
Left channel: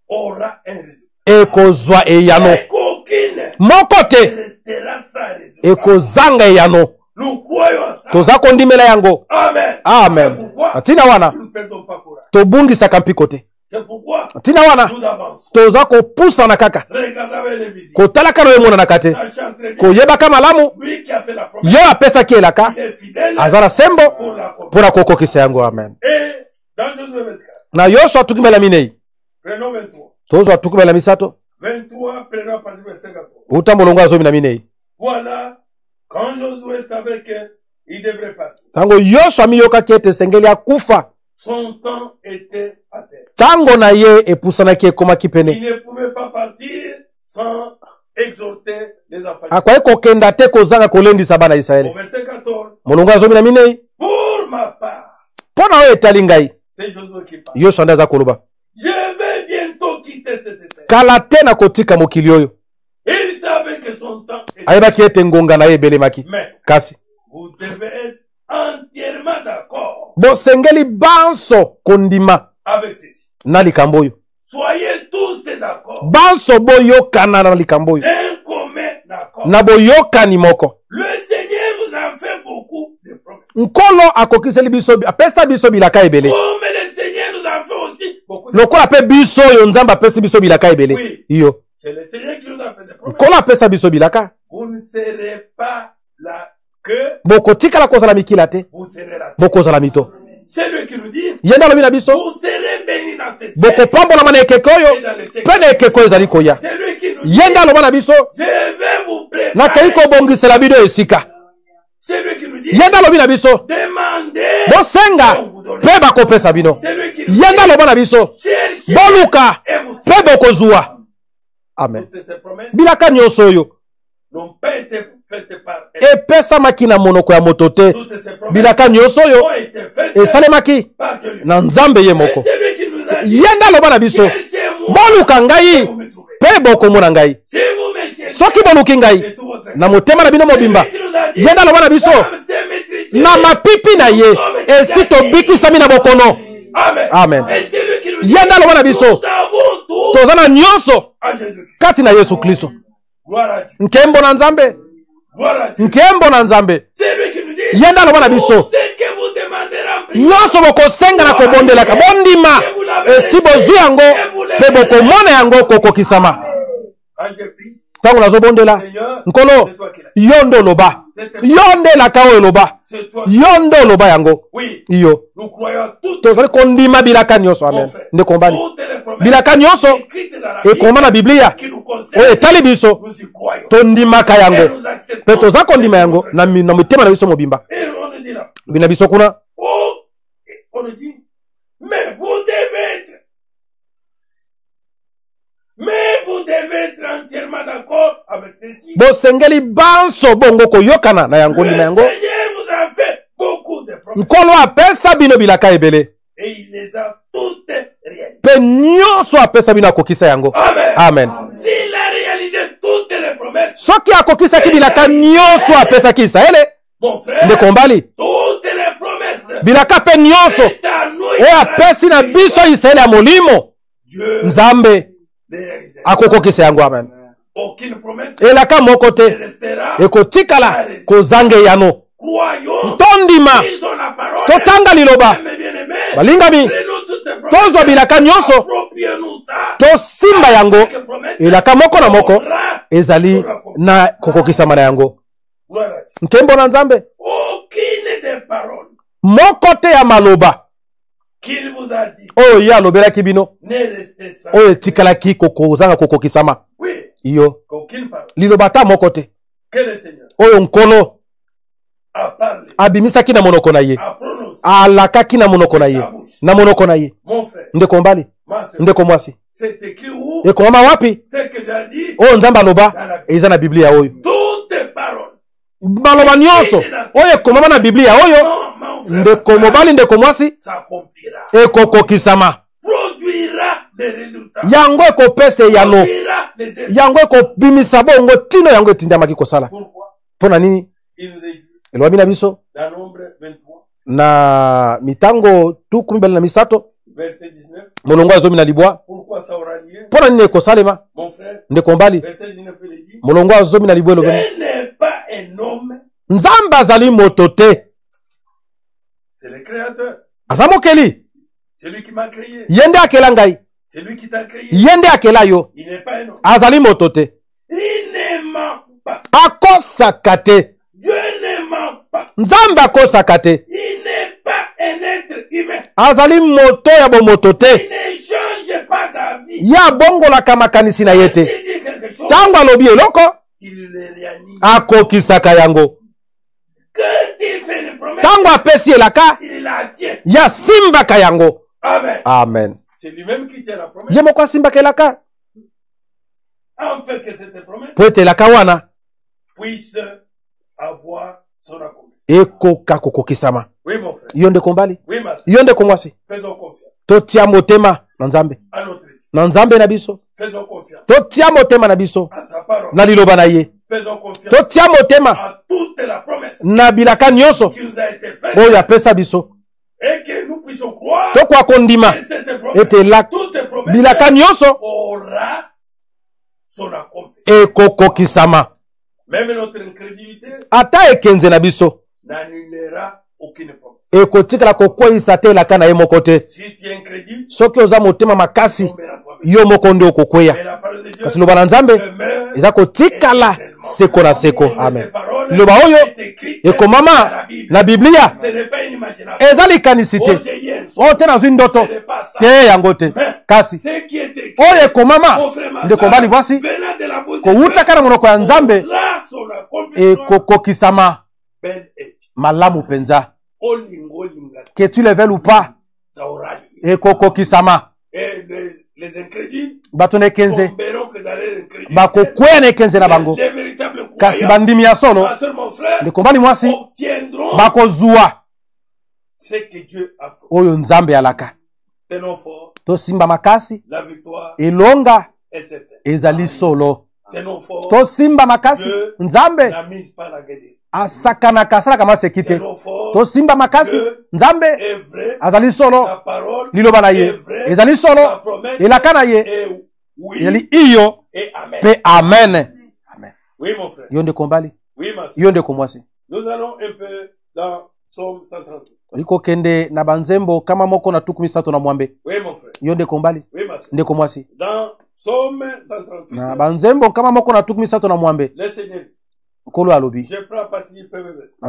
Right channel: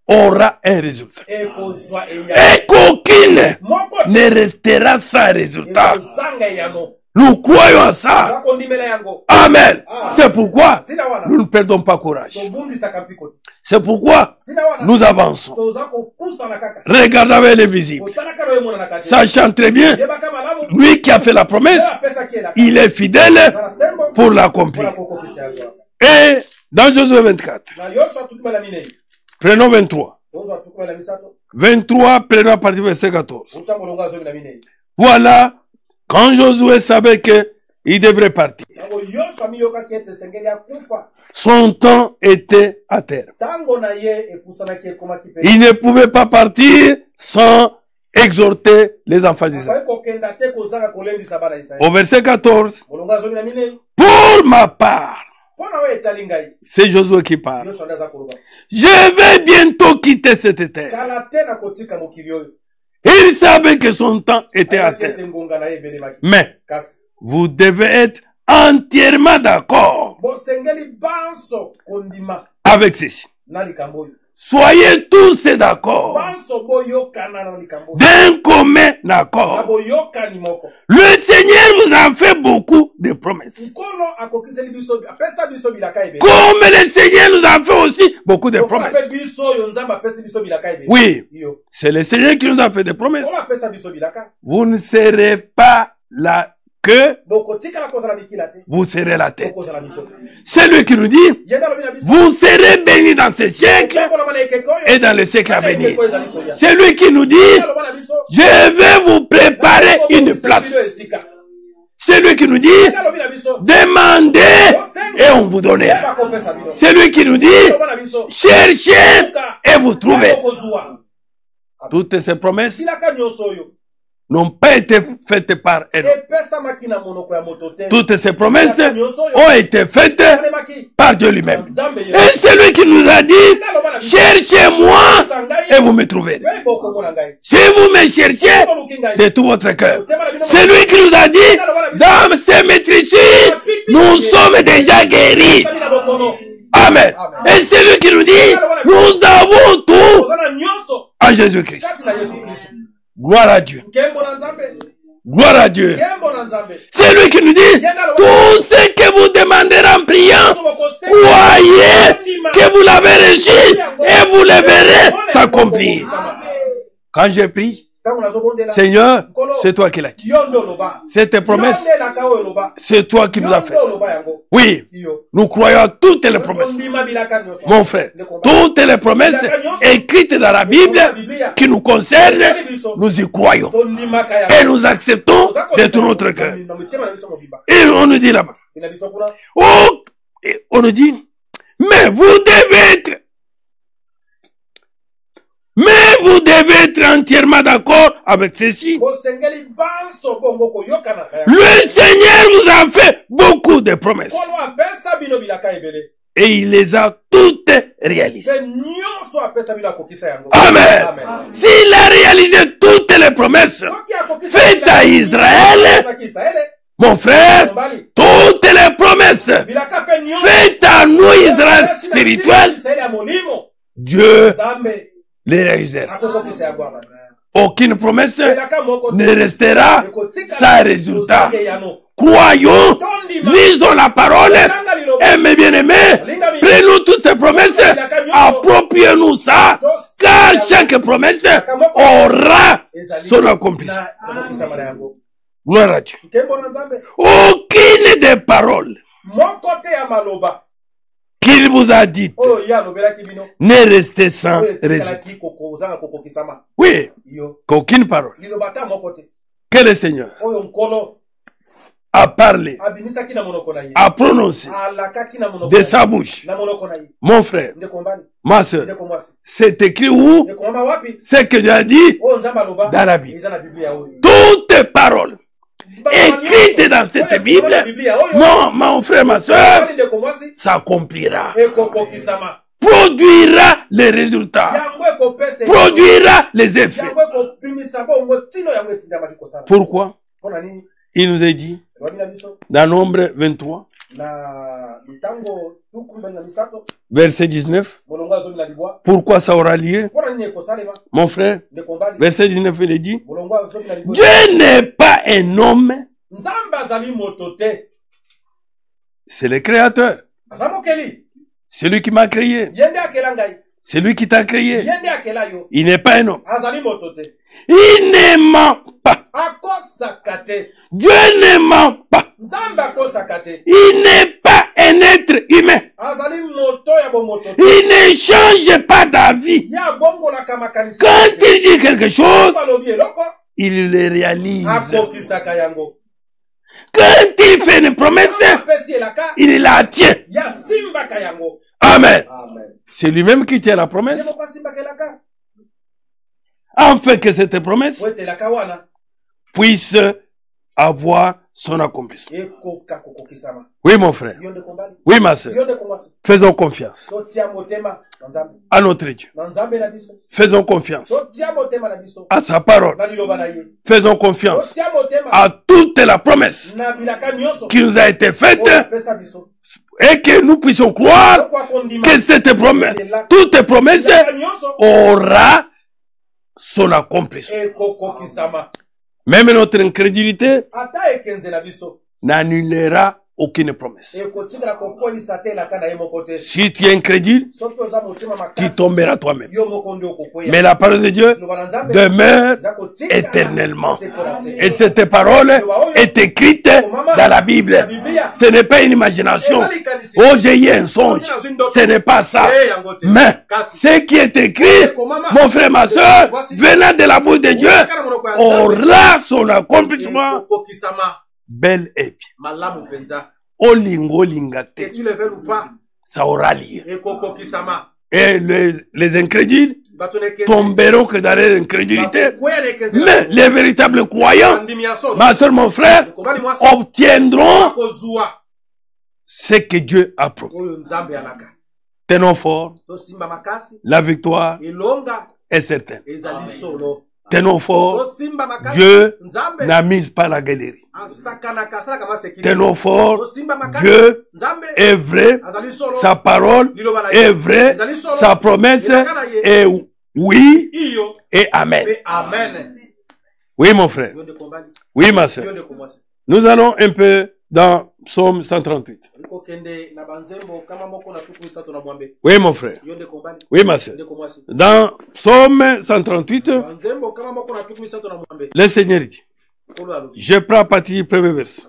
aura un résultat. ekozwa eyano, Et qu'aucune moko ne te restera sans résultat. ekozanga eyano. Nous croyons à ça. Toza kondimela yango. Amen. Amen. C'est pourquoi Tina wana nous ne perdons pas courage. tobungisaka mpiko te. C'est pourquoi Tina wana nous avançons. toza kopusana kaka. Regardez avec les visites. Kotalaka no emonana kate. Sachant très bien, oyebaka malamu lui qui a fait la promesse, ye apesaki elaka, il est fidèle azala sembo pour l'accomplir. mpona kokokisa yango. Amen. Et dans Josué 24, na Yoshua tukimela minei prenons 23. tozwa tukimela misato 23, prenons à partir du verset 14. uta molongo azomi na minei. Voilà, quand Josué savait qu'il devrait partir, tango Yoshua miyokaki ete esengeli akufa, son temps était à terre. tango na ye epusanaki ekomaki pene, Il ne pouvait pas partir sans exhorter les enfants d'Israël. akoki kokenda te kozanga kolendisa bana Au Israeli. verset 14, molongo azomi na minei. pour ma part, mpo na oyo etali ngai, c'est Josué qui parle. Yoshua nde aza koloba, Je vais bientôt quitter cette terre. kala te na kotika mokili oyo. Il savait que son temps était à ayebaki terre. ete ngonga na ye ebelemaki. Mais Kasi vous devez être entièrement d'accord bosengeli banso kondima avec ceci. na likambo oyo. Soyez tous d'accord Banso boyokana na likambo oyo, d'un commun accord. na boyokani moko. Le Seigneur vous a fait beaucoup de promesses. Nkolo akokiseli biso, apesa biso bilaka ebele. Comme le Seigneur nous a fait aussi beaucoup de Lokola pe promesses. biso oyo nzambe apesi biso bilaka ebele. Oui, Iyo. c'est le Seigneur qui nous a fait des promesses. Nkolo apesa biso bilaka. Vous ne serez pas la queue, Bokotikala kozala mikila te, vous serez la tête. bokozala mito. C'est lui qui nous dit, Yenda lobi na biso, vous serez bénis dans ce siècle bokopambola na ekeko et oyo, dans le siècle pe à na ekeko venir. ezali koya. C'est lui qui nous dit, Yenda loba na biso, je vais vous nakali préparer une kobongisela place. bido esika. C'est lui qui nous dit, Yenda lobi na biso, demandez et bosenga on vous donne. pe bakopesa bino. C'est lui qui nous dit, Yenda loba na biso, cherchez boluka et vous pe trouvez. bokozwa. Amen. Toutes ces promesses Bilaka nyonso oyo n'ont pas été faites par elle. epesamaki na monoko ya moto te. Toutes ces promesses Bilaka nyonso oyo ont été faites esalemaki par Dieu na lui-même. nzambe ye Et moko. c'est lui qui nous a dit, Yenda loba na biso, cherchez-moi boluka et vous ngai me trouverez. pe bokomona ngai. Si vous me cherchez Soki boluki de ngai tout votre na cœur, motema na bino c'est mobimba, lui qui nous a dit, Yenda loba na biso, dans ces maîtrises, na mapipi na nous ye sommes déjà esi guéris. tobikisami na bokono. Amen. Amen. Et c'est lui qui nous dit, Yenda loba na nous biso, avons tout toza na nyonso en Jésus-Christ. kati na Yesu Kristo. Gloire à Dieu. Nkembo na nzambe, Gloire à Dieu. nkembo na nzambe. C'est lui qui nous dit, Yenda loba na tout biso, ce que vous demanderez en priant, nyonso bokosenga na kokondela kondima, que vous l'avez si reçu bozwi yango et vous le bokomona yango verrez s'accomplir. kokokisama. Quand j'ai pris, Ntango nazobondela, Seigneur, nkolo c'est toi qui l'as dit. yo nde oloba, C'est tes yo promesses. nde elaka oyo oloba, C'est toi qui yo l'as nde fait. oloba yango. Oui, Iyo nous croyons à toutes les tozali promesses. kondima bilaka nyonso. Mon frère, nde kombala toutes les promesses Bilaka nyonso écrites dans la ekoma na Bible Biblia qui nous concernent, etali biso, nous y croyons. tondimaka Et yango, nous acceptons toza de kondima tout yango notre na cœur. na mitema na biso mobimba. Et on nous dit là-bas, Bina biso kuna, oh, et on nous dit, mais vous devez être entièrement d'accord avec ceci. bosengeli banso bongo koyokana na yango. Le Seigneur vous a fait beaucoup de promesses Nkolo apesa bino bilaka ebele, et il les a toutes réalisées. pe nyonso apesa bino akokisa yango. Amen. Amen. S'il a réalisé toutes les promesses, Soki akokisa Feta bilaka Israele. nyonso apesaki Israele, mon nde frère, kombali toutes les promesses bilaka pe nyonso faites à nous, e Israël apesi na biso spirituel, Israele ya molimo, Dieu nzambe les réalisera. akokokisa yango. Amen. Aucune promesse elaka moko ne te restera sans ekotikala résultat. kozanga eyano. Croyons, Tondima lisons la parole. totanga liloba, Mes bien-aimés, balingami prenons toutes ces promesses, tozwa bilaka nyonso, approprions-nous ça, tosenga car yango. chaque promesse Elaka moko na moko aura ezali son accomplissement. na kokokisama na yango. Gloire à Dieu. Nkembo na nzambe, Aucune des paroles moko te ya maloba qu'il vous a dites oyo ye alobelaki bino n'est restée sans oyo résultat. etikalaki kozanga kokokisama. Oui, Iyo qu'aucune parole liloba ta moko te que le Seigneur oyo nkolo a parlé, abimisaki na monoko na ye, a prononcé alakaki na monoko na de sa ye, bouche. na monoko na ye. Mon frère, Ndeko mbali, ma soeur, ndeko mwasi, c'est écrit où? ekoma wapi Ce que j'ai dit oyo nzambe aloba dans la Bible. eza na Biblia oyo. Toutes paroles Maloba nyonso écrites dans cette oyo ekomama na Bible, Biblia oyo, mon frère, ma ndeko soeur, mobali ndeko mwasi, s'accomplira. ekokokisama. produira les résultats. Produira les effets. Pourquoi? Il nous a dit dans Nombre 23 verset 19. Pourquoi ça aura lieu? Mon frère, verset 19, il est dit, Dieu n'est pas un homme, c'est le créateur. C'est lui qui m'a créé. C'est lui qui t'a créé. Il n'est pas un homme. Il ne ment pas. Dieu ne ment pas. Il n'est pas un être humain. Il ne change pas d'avis. Quand il dit quelque chose, il le réalise. Quand il fait une promesse, il la tient. Amen. Amen. C'est lui-même qui tient la promesse. Afin que cette promesse puisse avoir son accomplissement. Oui, mon frère. Oui, ma soeur. Faisons confiance à notre Dieu. Faisons confiance à sa parole. Faisons confiance à toute la promesse qui nous a été faite et que nous puissions croire que cette promesse, toute promesse aura son accomplissement. Même notre incrédulité n'annulera aucune promesse. Si tu es incrédule, tu tomberas toi-même. Mais la parole de Dieu demeure éternellement. Et cette parole est écrite dans la Bible. Ce n'est pas une imagination. Oh, j'ai eu un songe. Ce n'est pas ça. Mais ce qui est écrit, mon frère, ma soeur, venant de la bouche de Dieu, aura son accomplissement. Bel et bien. Que tu le veuilles ou pas, ça aura lieu. Et les incrédules tomberont que dans l'incrédulité. Mais les véritables croyants, ma soeur, mon frère, obtiendront ce que Dieu a promis. Tenons fort. La victoire est certaine. Tenons fort. Dieu n'a mis pas la galerie. Tenons fort. Dieu est vrai. Sa parole est vraie. Sa promesse est oui et amen. Amen. Oui, mon frère. Oui, ma soeur. Nous allons un peu dans Psaume 138. Oui, mon frère. Oui, ma soeur. Dans Psaume 138, le Seigneur dit, je prends à partir du premier verset.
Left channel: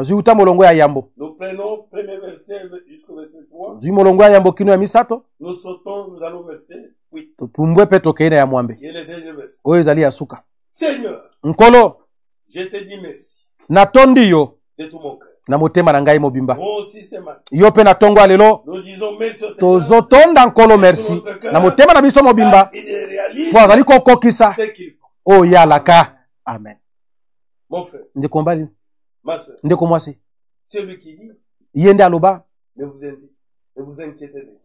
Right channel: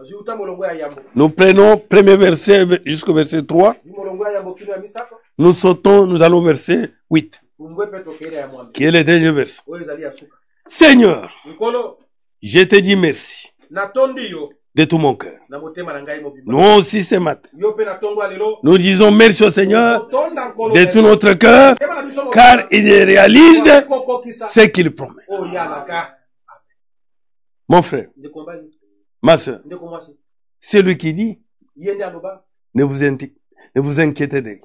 Nous prenons premier verset jusqu'au verset 3. Nous sautons, nous allons au verset 8. Qui est le dernier verset. Seigneur, je te dis merci de tout mon cœur. Nous aussi ce matin, nous disons merci au Seigneur de tout notre cœur, car il réalise ce qu'il promet. Amen. Mon frère, ma soeur, c'est lui qui dit, ne vous inquiétez de lui.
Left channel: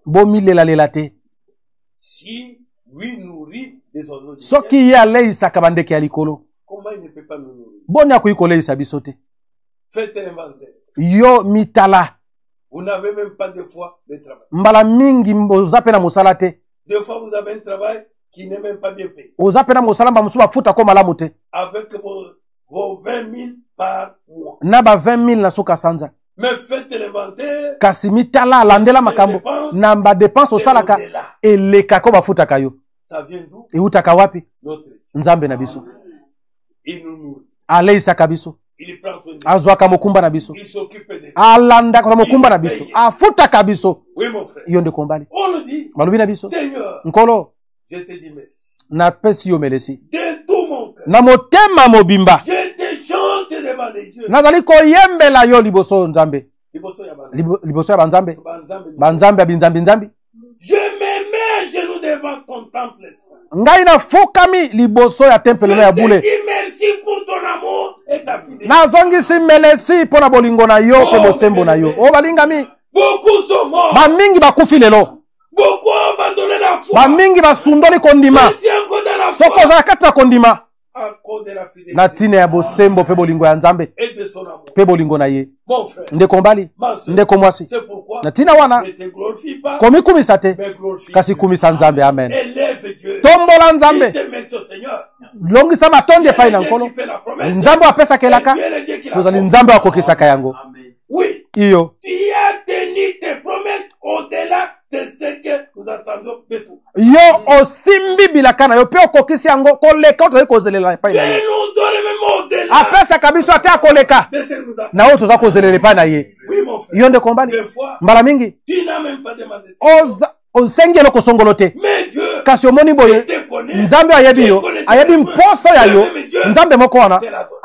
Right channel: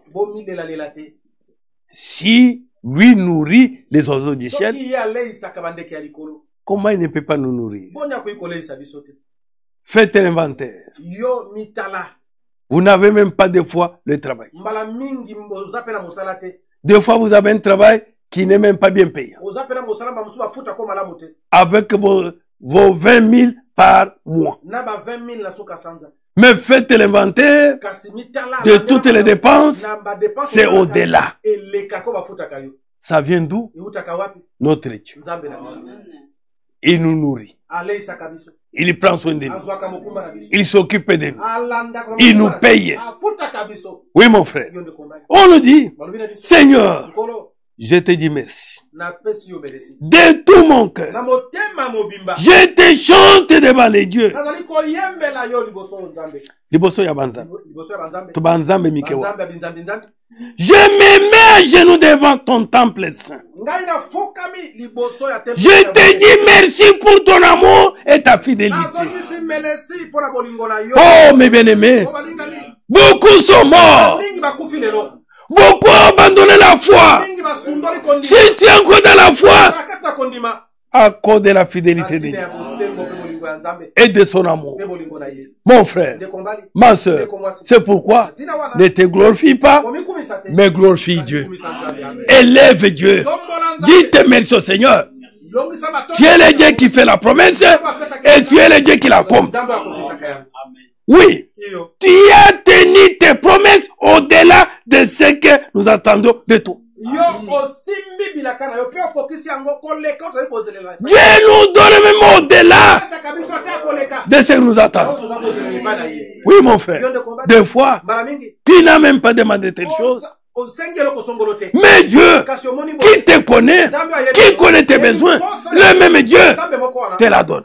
Si lui nourrit les oiseaux du ciel, comment il ne peut pas nous nourrir? Faites un inventaire. Vous n'avez même pas des fois le travail. Des fois, vous avez un travail qui n'est même pas bien payé. Avec vos 20 000 par mois. Mais faites l'inventaire de toutes les dépenses. C'est au-delà. Ça vient d'où? Notre Dieu. Il nous nourrit. Il prend soin de nous. Il s'occupe de nous. Il nous paye. Oui, mon frère. On nous dit, Seigneur, je te dis merci. De tout mon cœur. Je te chante devant les dieux. Je me mets à genoux devant ton temple saint. Je te dis merci pour ton amour et ta fidélité. Oh, mes bien-aimés, beaucoup sont morts. Beaucoup ont abandonné la foi. Si tu es encore dans la foi, à cause de la fidélité et de son amour. Mon frère, ma soeur, c'est pourquoi ne te glorifie pas, mais glorifie Dieu. Élève Dieu. Dites merci au Seigneur. Tu es le Dieu qui fait la promesse et tu es le Dieu qui la accomplit. Oui, tu as tenu tes promesses au-delà de ce que nous attendons de toi. Dieu nous donne même au-delà de ce que nous attendons. Oui, mon frère. Des fois, tu n'as même pas demandé tes choses. Mais Dieu, qui te connaît, qui connaît tes besoins, le même Dieu te la donne.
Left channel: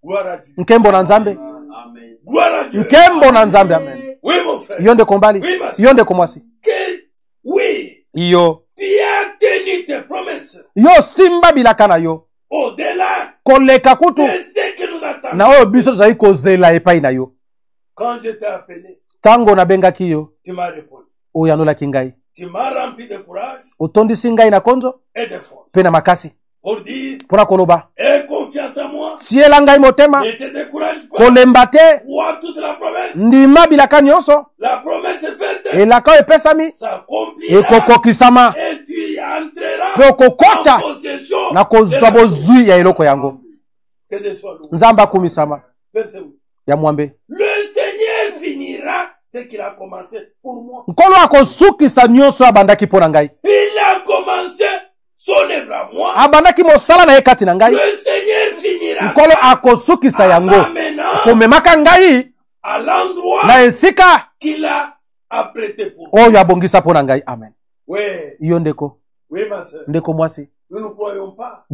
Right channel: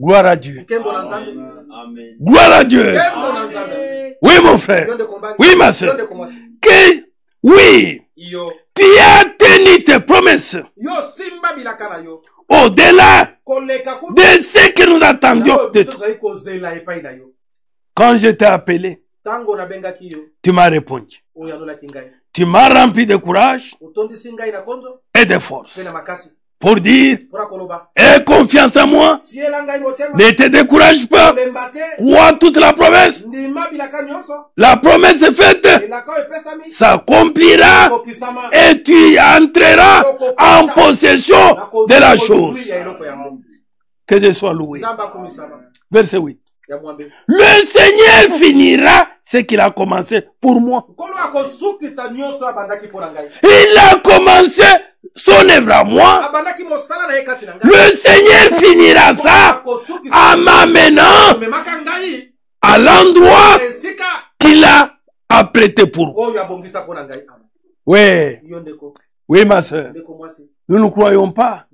Gloire à Dieu. Gloire à Dieu. Oui, mon frère. Oui, ma soeur. Oui. Tu as tenu tes promesses. Au-delà de ce que nous attendions. Quand je t'ai appelé, tu m'as répondu. Tu m'as rempli de courage et de force. Pour dire, aie confiance en moi, ne te décourage pas, crois toute la promesse, la promesse est faite, s'accomplira et tu entreras en possession de la chose. Que Dieu soit loué. Verset 8. Le Seigneur finira ce qu'il a commencé pour moi. Il a commencé son œuvre à moi. Le Seigneur finira ça en m'amenant à l'endroit qu'il a apprêté pour moi. Oui. Oui, ma soeur. Nous ne croyons pas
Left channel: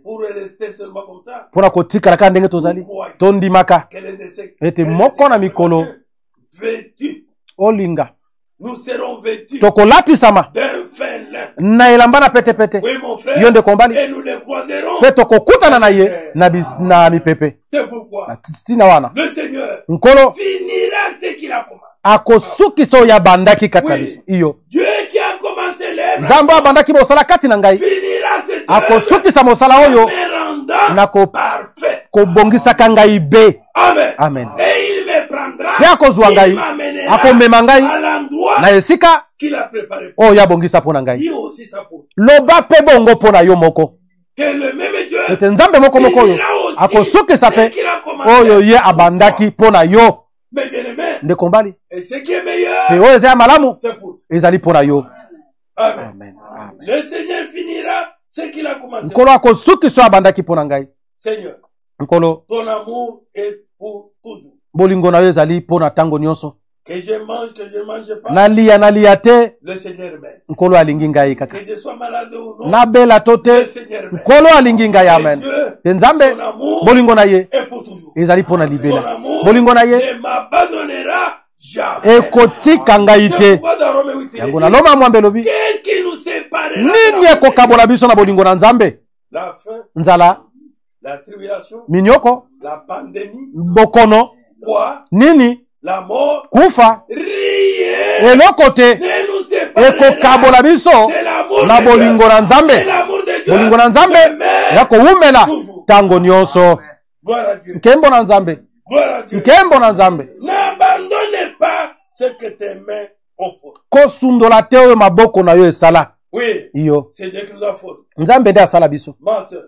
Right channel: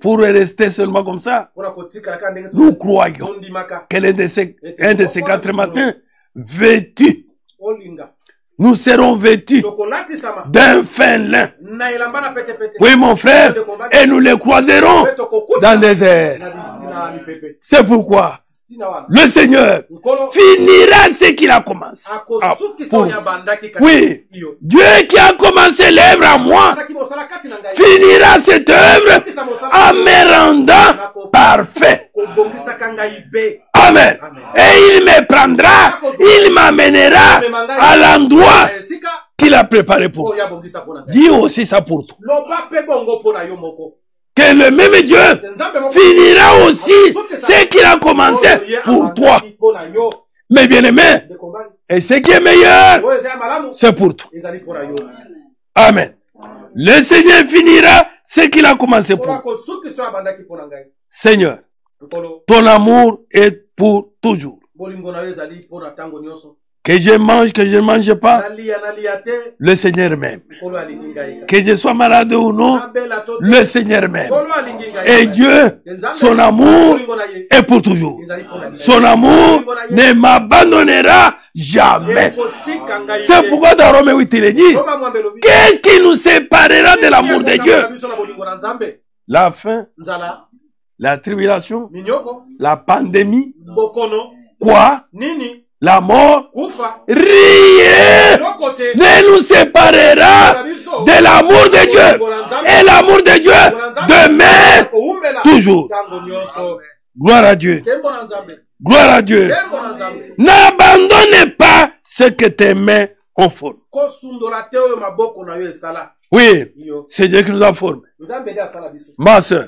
pour rester seulement comme ça. Nous croyons qu'elle est de ces 4 matins vêtus. Nous serons vêtus d'un fin lin. Oui, mon frère. Et nous les croiserons dans les airs. C'est pourquoi le Seigneur finira ce qu'il a commencé. Oui. Dieu qui a commencé l'œuvre à moi finira cette œuvre en me rendant parfait. Amen. Amen. Et il me prendra, il m'amènera à l'endroit qu'il a préparé pour moi. Dis aussi ça pour toi. Que le même Dieu finira aussi ce qu'il a commencé pour toi. Mais bien aimé, et ce qui est meilleur, c'est pour toi. Amen. Le Seigneur finira ce qu'il a commencé pour toi. Seigneur, ton amour est pour toujours. Que je mange, que je ne mange pas, le Seigneur m'aime. Que je sois malade ou non, le Seigneur m'aime. Et Dieu, son amour est pour toujours. Son amour ne m'abandonnera jamais. C'est pourquoi dans Romains 8 il est dit, qu'est-ce qui nous séparera de l'amour de Dieu? La faim, la tribulation, la pandémie, quoi? La mort, rien ne nous séparera de l'amour de Dieu. Et l'amour de Dieu demeure toujours. Gloire à Dieu. Gloire à Dieu. N'abandonne pas ce que tes mains ont formé. Oui, c'est Dieu qui nous a formés. Ma soeur,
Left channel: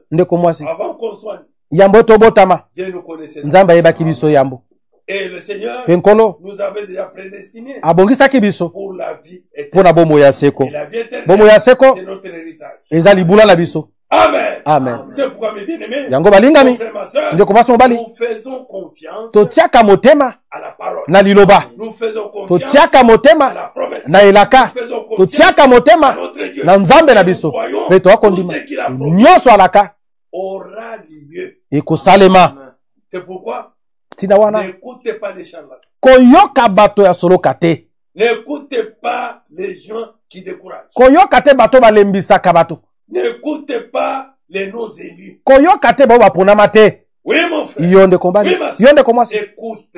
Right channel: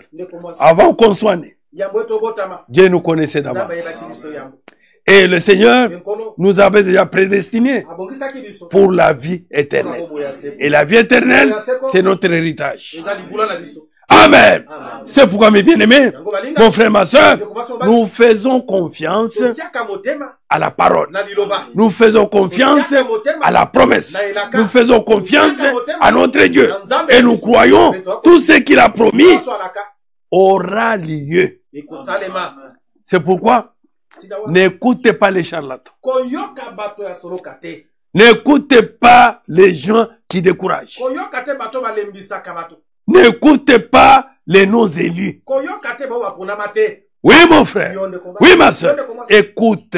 avant qu'on soit né, Dieu nous connaissait d'abord. Et le Seigneur nous avait déjà prédestinés pour la vie éternelle. Et la vie éternelle, c'est notre héritage. Amen. Amen. C'est pourquoi, mes bien-aimés, mon frère, ma soeur, nous faisons confiance à la parole. Nous faisons confiance à la promesse. Nous faisons confiance à notre Dieu. Et nous croyons tout ce qu'il a promis aura lieu. C'est pourquoi n'écoutez pas les charlatans. N'écoutez pas les gens qui découragent. N'écoutez pas les non-élus. Oui, mon frère. Oui, ma soeur. Écoute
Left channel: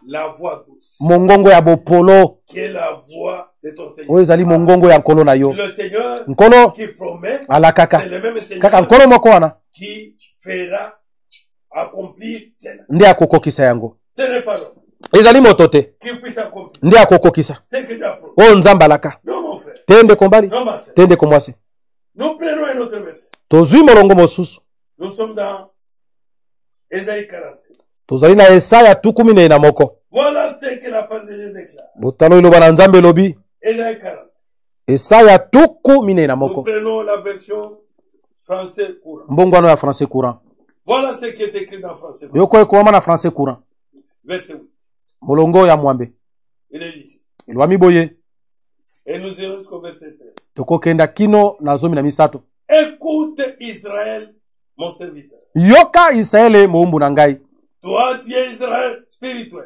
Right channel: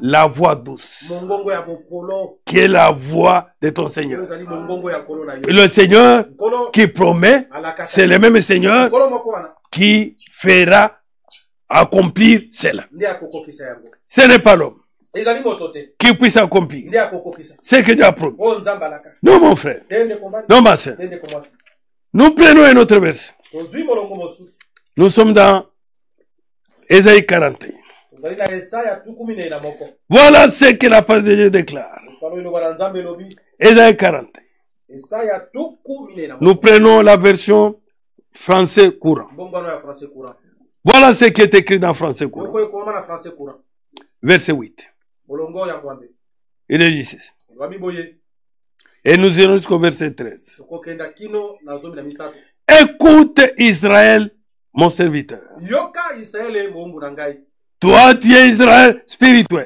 la voix douce. Qui est la voix de ton Seigneur. Le Seigneur qui promet, c'est le même Seigneur qui fera accomplir cela. Ce n'est pas l'homme qui puisse accomplir ce que Dieu a promis. Non, mon frère. Non, ma soeur. Nous prenons un autre verset. Nous sommes dans Ésaïe 41. Voilà ce que la parole de Dieu déclare. Ésaïe 41. Nous prenons la version français courant. Voilà ce qui est écrit dans français courant. Verset 8. Il est ici. Et nous irons jusqu'au verset 13. Écoute Israël, mon serviteur. Toi, tu es Israël spirituel.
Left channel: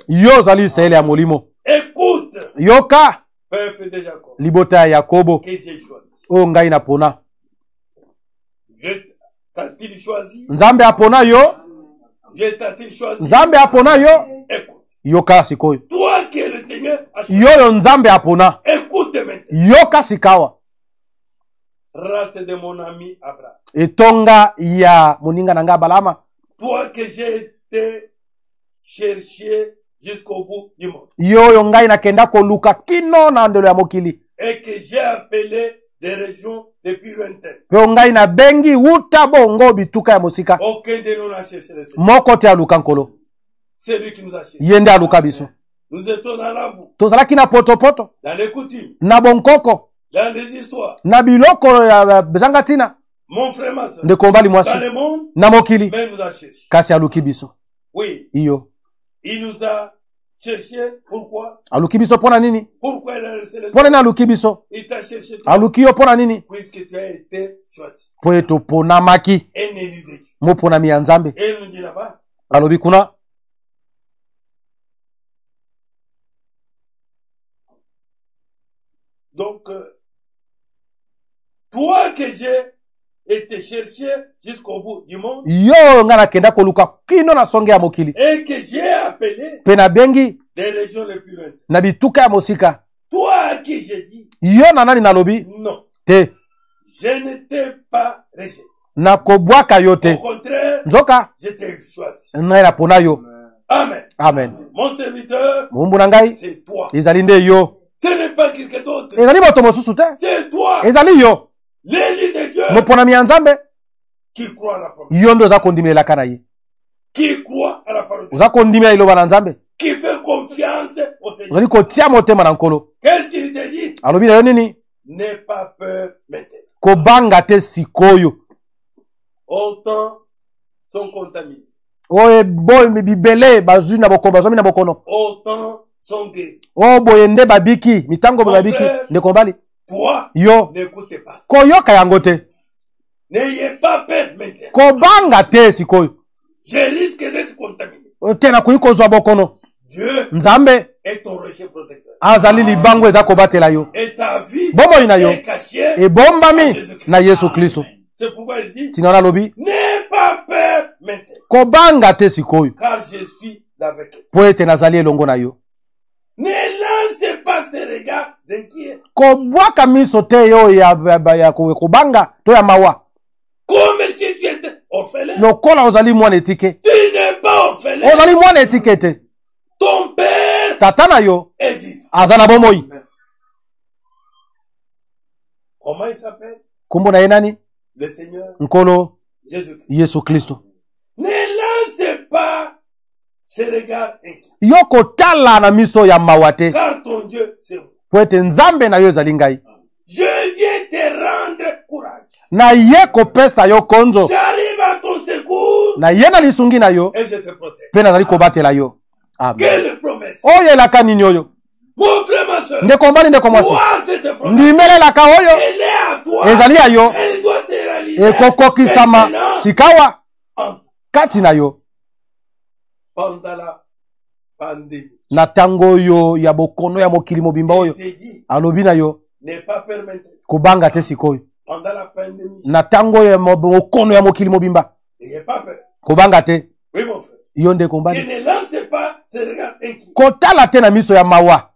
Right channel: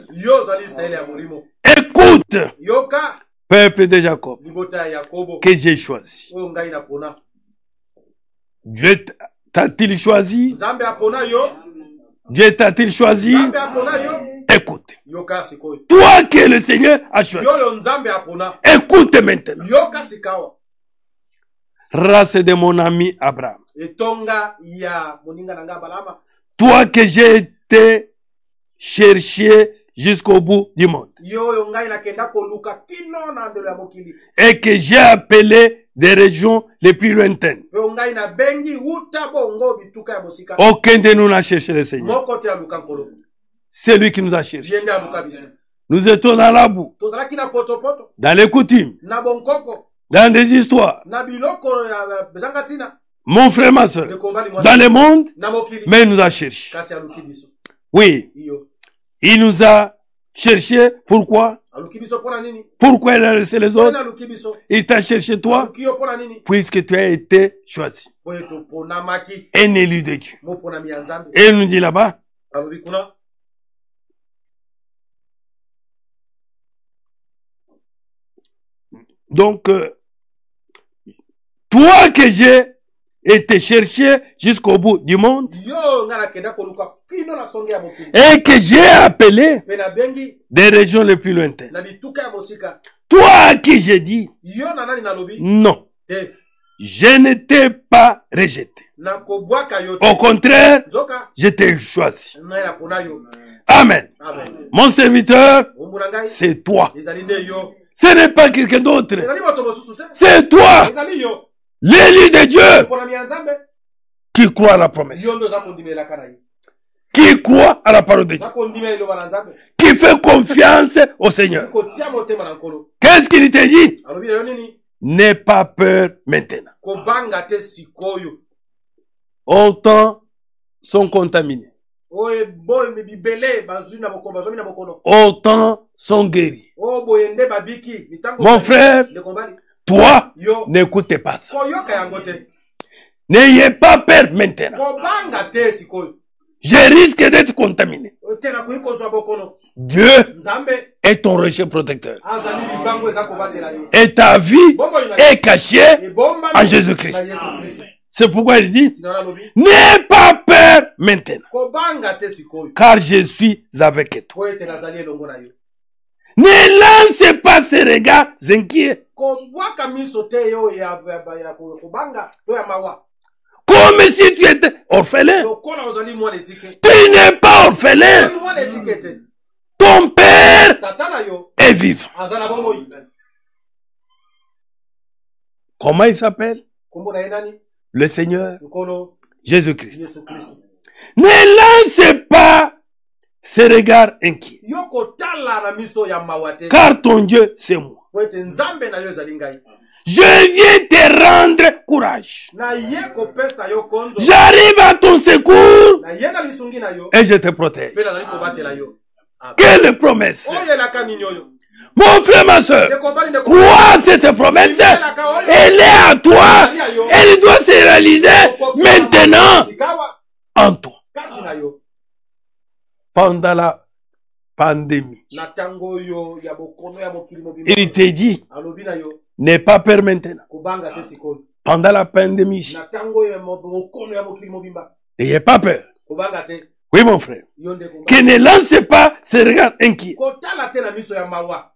Écoute, peuple de Jacob, que j'ai choisi. Dieu t'a-t-il choisi? Dieu t'a-t-il choisi? Écoute. Toi que le Seigneur a choisi. Écoute maintenant. Race de mon ami Abraham. Toi que j'ai été cherché jusqu'au bout du monde. Et que j'ai appelé des régions les plus lointaines. Aucun de nous n'a cherché le Seigneur. C'est lui qui nous a cherché. Nous étions dans la boue, dans les coutumes, dans des histoires. Mon frère, ma soeur, dans le monde, mais il nous a cherché. Oui, il nous a cherché. Pourquoi? Pourquoi il a laissé les autres? Il t'a cherché toi, puisque tu as été choisi. Un élu de Dieu. Et il nous dit là-bas, donc, toi que j'ai été cherché jusqu'au bout du monde, et que j'ai appelé des régions les plus lointaines. Toi à qui j'ai dit, non, je n'étais pas rejeté. Au contraire, je t'ai choisi. Amen. Mon serviteur, c'est toi. Ce n'est pas quelqu'un d'autre. C'est toi. L'élu de Dieu qui croit à la promesse. Qui croit à la parole de Dieu. Qui fait confiance au Seigneur. Qu'est-ce qu'il te dit? N'aie pas peur maintenant. Autant sont contaminés. Autant sont guéris. Mon frère, toi, n'écoutez pas ça. N'ayez pas peur maintenant. Je risque d'être contaminé. Dieu est ton rocher protecteur. Et ta vie est cachée à Jésus-Christ. C'est pourquoi il dit, n'aie pas peur maintenant, car je suis avec toi. Ne lance pas ces regards inquiets. Comme si tu étais orphelin. Tu n'es pas orphelin. Ton père est vivant. Comment il s'appelle? Le Seigneur Jésus-Christ. Ne lance pas ces regards inquiets. Car ton Dieu, c'est moi. Je viens te rendre courage. J'arrive à ton secours. Et je te protège. Quelle promesse. Mon frère, ma soeur, crois cette promesse. Elle est à toi. Elle doit se réaliser maintenant en toi. Pendant la pandémie, il te dit, n'aie pas peur maintenant. Pendant la pandémie, n'ayez pas peur. Kobanga te. Oui, mon frère. Yonde kombali. Qui ne lance pas ses regards inquiets. Kotala te na miso ya mawa.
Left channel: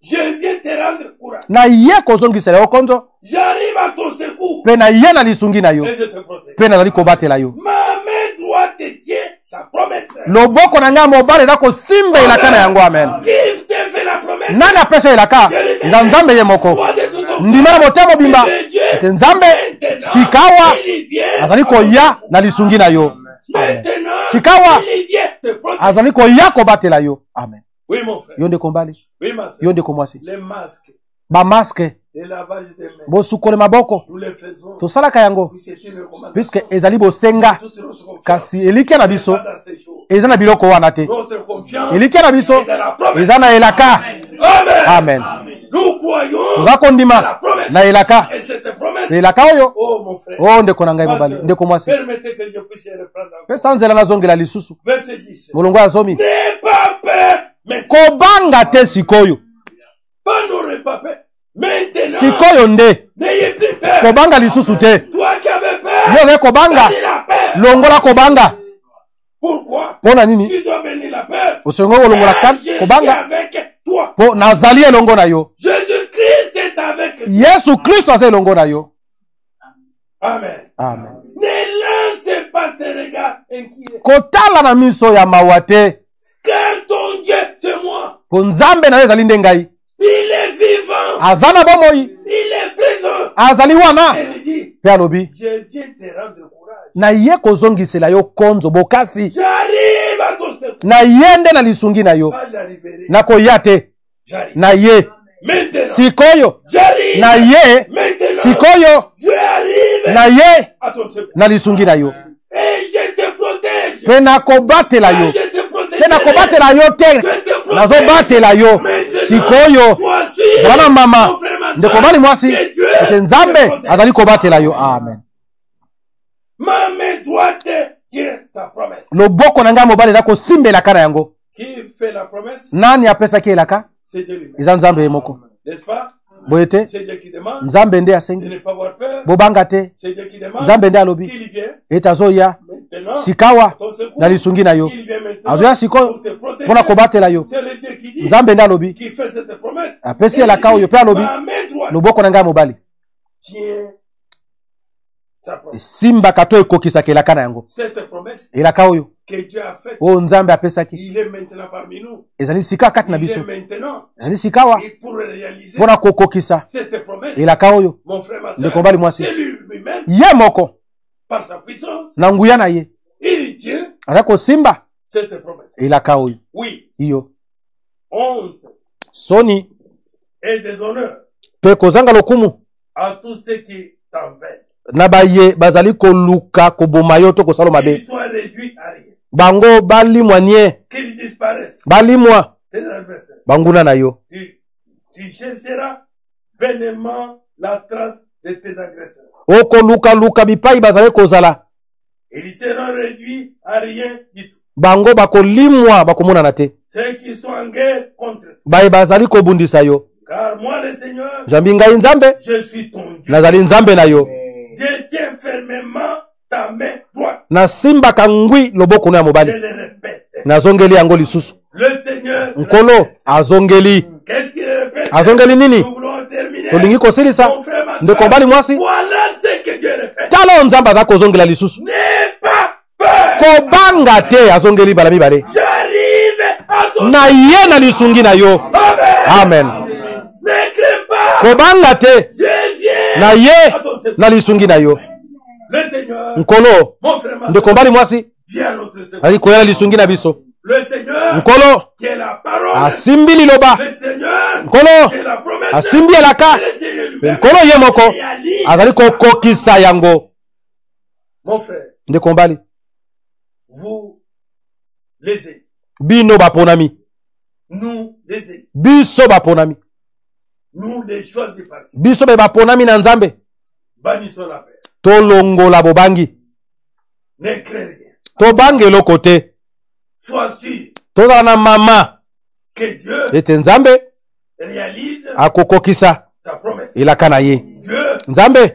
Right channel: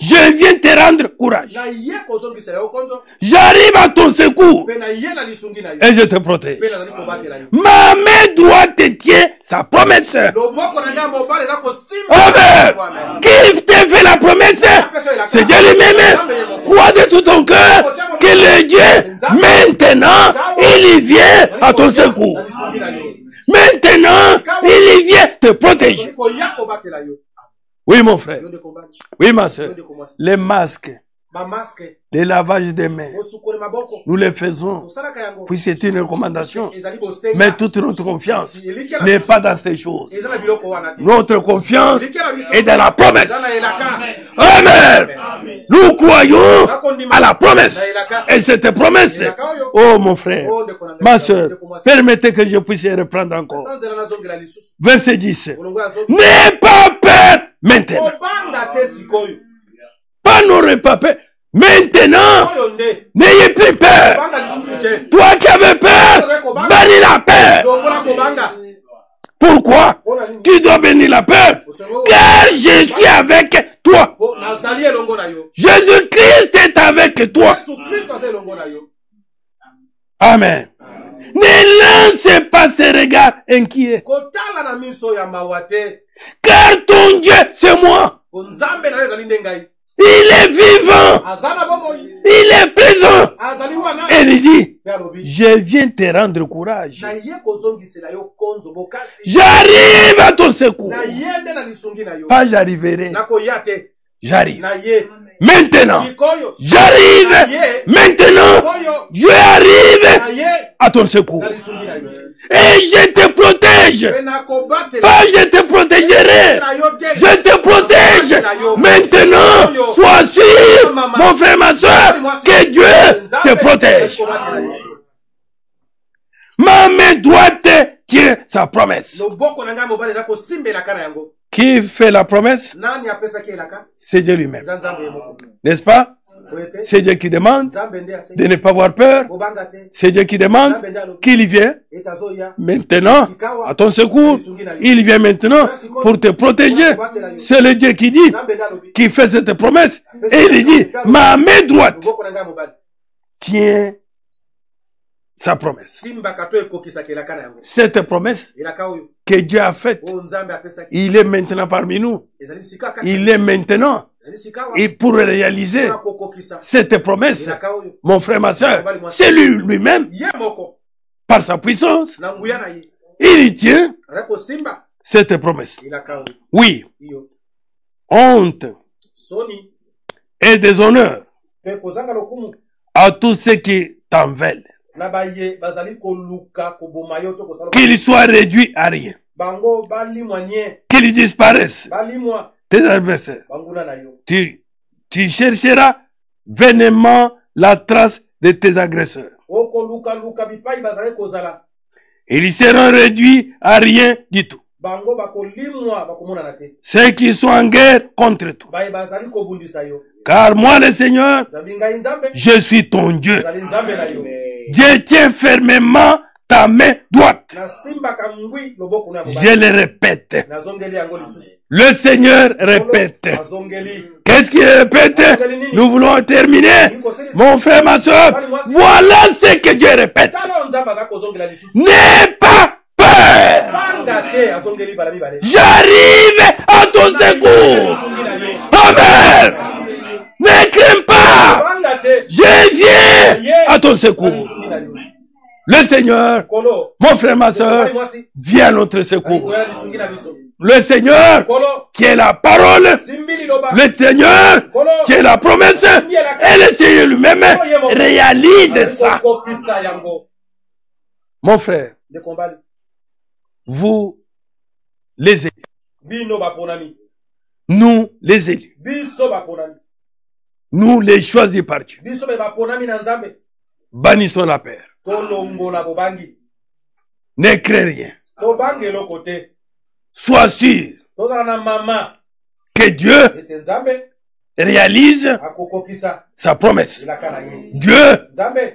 Je viens te rendre courage. Na ye kozongisela yo konzo. J'arrive à ton secours. Pe na ye na lisungi na yo. Et je te protège. Pe na zali kobatela yo. Ma main droite te tient sa promesse. Loboko na nga mobali da ko simba na yango amen. Qui te fait la promesse? Na pesa la ka. C'est Dieu lui-même. Crois de tout ton cœur que le Dieu maintenant il vient à ton secours. Na lisungi na yo. Maintenant il vient te protéger. Azali ko ya kobatela yo. Amen. Oui, mon frère. Yonde kombali. Oui, ma soeur. Yonde komwasi. Les masques. Ba masque. Les lavages des mains. Bosukole maboko. Nous les faisons. To sala kayango. Puis c'est une recommandation. Ezali bosenga. Mais toute notre confiance n'est pas dans ces choses. Ezana biloko wana te. Notre confiance est dans la promesse. Ezana elaka. Amen. Nous croyons à la promesse. Na elaka. Et cette promesse. Elaka oyo. Oh mon frère. Oh ndeko nanga ma soeur. Permettez que je puisse reprendre encore. Sanzela na zongela lisusu. Verset 10. Molongo azomi. N'aie pas peur. Maintenant. Kobanga te sikoyo. Pas n'aurait pas peur. Maintenant. Sikoyo nde. N'ayez plus peur. Kobanga lisusu te. Toi qui avais peur. Bénis la peur. Longola kobanga. Pourquoi? Tu dois bénir la peur. Je suis avec toi. Jésus-Christ est avec toi. Amen. Amen. Ne lance pas ses regards inquiets. Car ton Dieu, c'est moi. Il est vivant. Il est présent. Et il dit, je viens te rendre courage. J'arrive à ton secours. Pas j'arriverai. J'arrive. Maintenant. J'arrive. Maintenant. Je arrive à ton secours. Et je te protège. Je te protégerai. Je te protège. Maintenant, sois sûr, mon frère, ma soeur, que Dieu te protège. Amen. Ma main droite tient sa promesse. Qui fait la promesse? C'est Dieu lui-même. N'est-ce pas? C'est Dieu qui demande de ne pas avoir peur. C'est Dieu qui demande qu'il vienne maintenant à ton secours. Il vient maintenant pour te protéger. C'est le Dieu qui dit, qui fait cette promesse. Et il dit, ma main droite tient sa promesse. Cette promesse que Dieu a faite, il est maintenant parmi nous. Il est maintenant. Et pour réaliser cette promesse, mon frère, ma soeur, c'est lui-même, par sa puissance, il tient cette promesse. Oui. Honte et déshonneur à tous ceux qui t'en veulent. Qu'il soit réduit à rien. Qu'il disparaisse. Tes adversaires. Tu chercheras vainement la trace de tes agresseurs. Ils seront réduits à rien du tout. Ceux qui sont en guerre contre toi. Car moi le Seigneur, je suis ton Dieu. Dieu tient fermement ta main droite. Je le répète. Le Seigneur répète. Qu'est-ce qu'il répète? Nous voulons terminer. Mon frère, ma soeur, voilà ce que Dieu répète. N'aie pas peur. J'arrive à ton secours. Amen. Ne crains pas. Je viens à ton secours. Le Seigneur, mon frère, ma soeur, vient à notre secours. Le Seigneur, qui est la parole. Le Seigneur, qui est la promesse. Et le Seigneur lui-même réalise ça. Mon frère, vous, les élus. Nous, les élus. Nous, les choisis par Dieu. Bannissons la peur. Ne crains rien. Sois sûr que Dieu réalise sa promesse. Dieu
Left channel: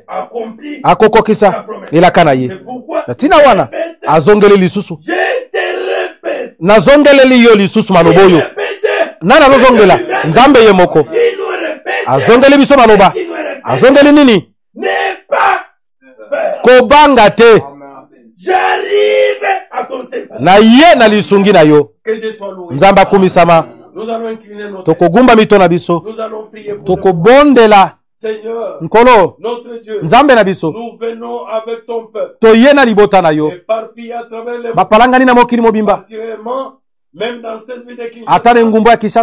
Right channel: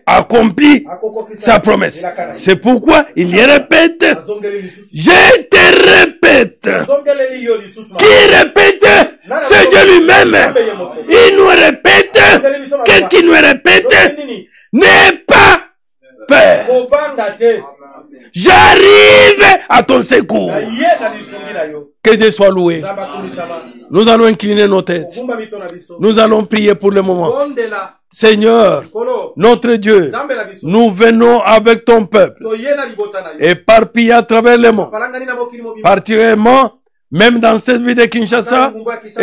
accomplit sa promesse. C'est pourquoi il répète. Je te répète. Il répète. C'est lui-même. Il nous répète. Qu'est-ce qu'il nous répète? N'aie pas peur. J'arrive à ton secours. Que Dieu soit loué. Nous allons incliner nos têtes. Nous allons prier pour le moment. Seigneur, notre Dieu, nous venons avec ton peuple, éparpillés à travers le monde, particulièrement même dans cette ville de Kinshasa,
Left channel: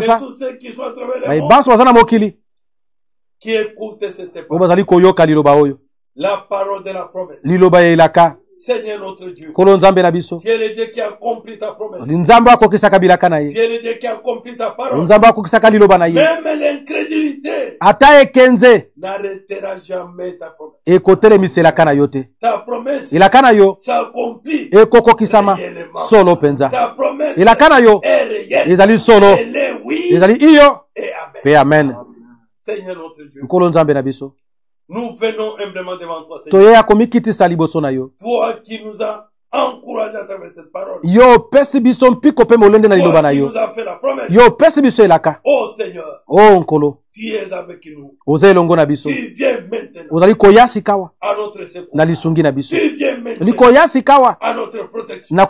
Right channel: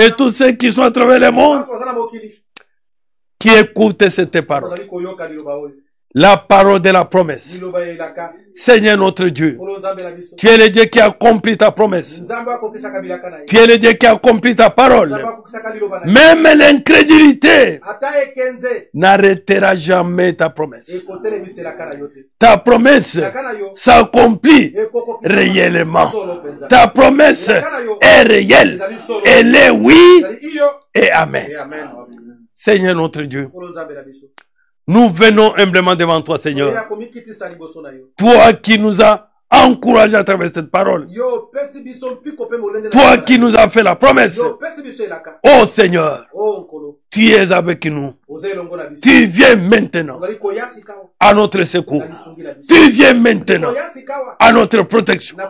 et tous ceux qui sont à travers le monde, qui écoutent cette parole, la parole de la promesse. Seigneur notre Dieu, tu es le Dieu qui accomplit ta promesse. Tu es le Dieu qui accomplit ta parole. Même l'incrédulité n'arrêtera jamais ta promesse. Ta promesse s'accomplit réellement. Ta promesse est réelle. Elle est oui et amen. Seigneur notre Dieu, nous venons humblement devant toi, Seigneur. Toi qui nous as encouragés à travers cette parole. Toi qui nous as fait la promesse. Oh Seigneur, tu es avec nous. Tu viens maintenant à notre secours. Tu viens maintenant à notre protection. Tu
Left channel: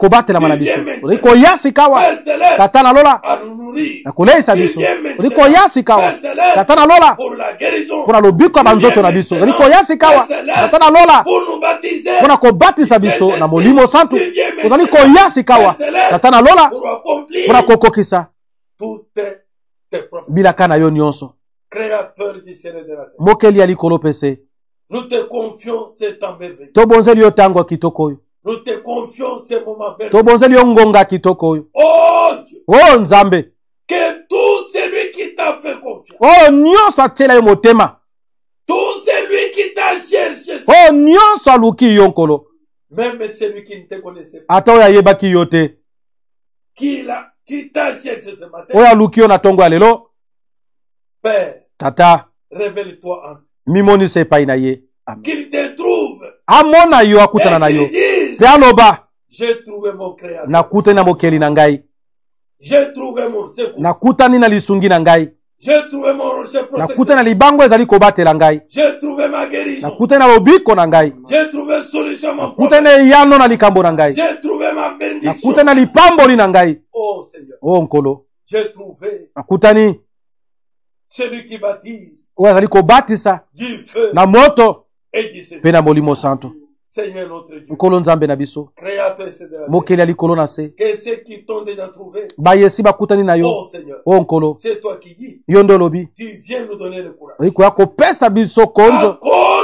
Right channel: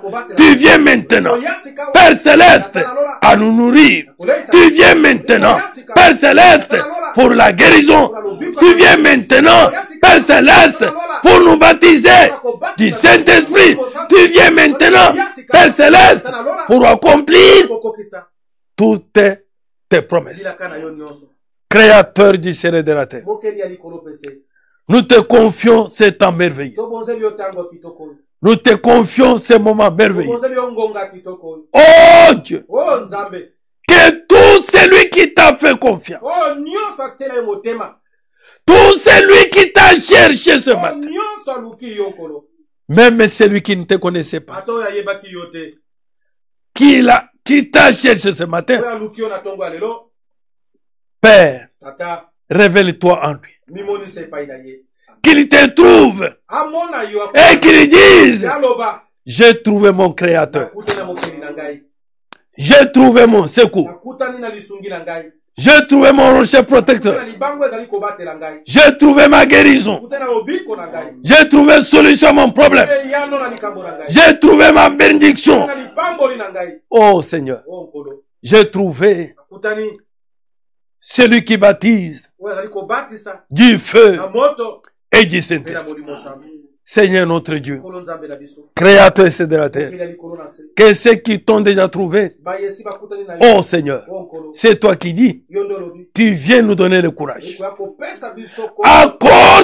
viens maintenant, Père Céleste, à nous nourrir. Tu viens maintenant, Père Céleste, pour la guérison. Tu viens maintenant, Père Céleste, pour nous baptiser du Saint-Esprit. Tu viens maintenant, Père Céleste, pour accomplir toutes tes promesses. Créateur du ciel et de la terre, nous te confions ce temps merveilleux. Nous te confions ce moment merveilleux. Oh Dieu, que tout celui qui t'a fait confiance, tout celui qui t'a cherché ce matin, même celui qui ne te connaissait pas, qui t'a cherché ce matin, Père, révèle-toi en lui. Qu'il te trouve et qu'il dise, j'ai trouvé mon créateur, j'ai trouvé mon secours, j'ai trouvé mon rocher protecteur, j'ai trouvé ma guérison, j'ai trouvé solution à mon problème, j'ai trouvé ma bénédiction. Oh Seigneur, j'ai trouvé celui qui baptise du feu et du Saint-Esprit. Seigneur notre Dieu, Créateur de la terre, que ceux qui t'ont déjà trouvé, oh Seigneur, c'est toi qui dis, tu viens nous donner le courage. Accorde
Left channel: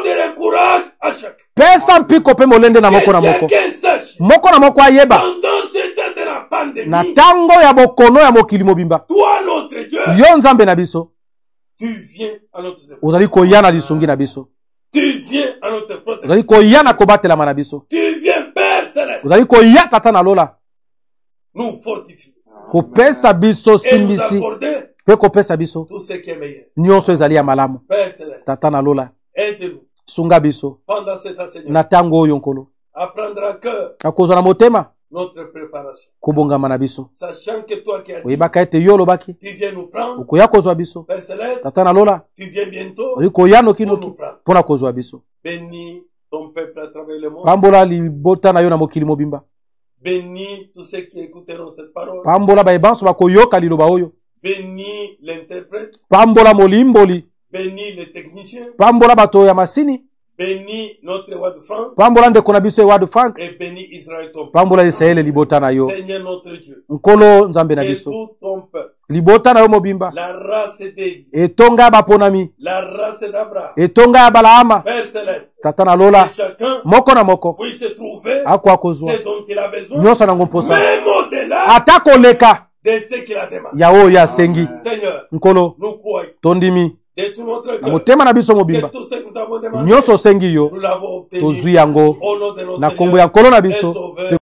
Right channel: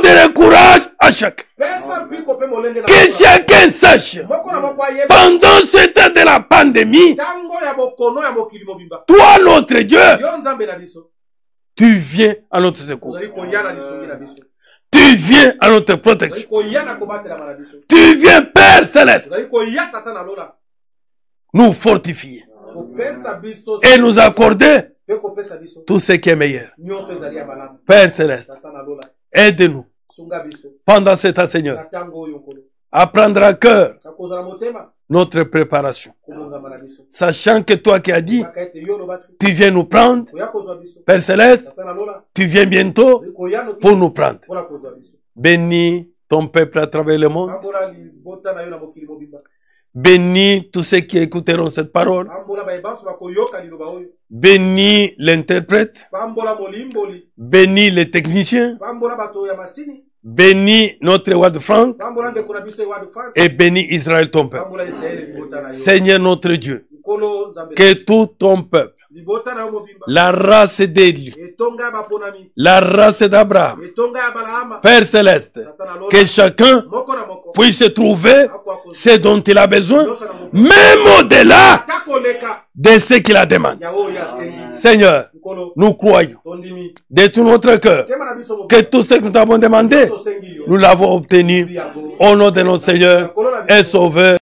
le courage à chacun. Que chacun sache, pendant ce temps de la pandémie, toi notre Dieu, tu viens à notre secours. Tu viens à notre protection. Tu viens, Père Céleste, nous fortifier et nous accorder tout ce qui est meilleur. Père Céleste, aide-nous pendant cet temps, Seigneur, à prendre à cœur notre préparation, sachant que toi qui as dit, tu viens nous prendre, Père Céleste, tu viens bientôt pour nous prendre. Bénis ton peuple à travers le monde. Bénis tous ceux qui écouteront cette parole. Bénis l'interprète. Bénis les techniciens. Bénis notre Wad Frank et bénis Israël ton peuple. Seigneur notre Dieu, que tout ton peuple, la race d'Élie, la race d'Abraham, Père Céleste, que chacun puisse trouver ce dont il a besoin, même au-delà de ce qu'il a demandé. Seigneur, nous croyons de tout notre cœur que tout ce que nous avons demandé, nous l'avons obtenu au nom de notre Seigneur et Sauveur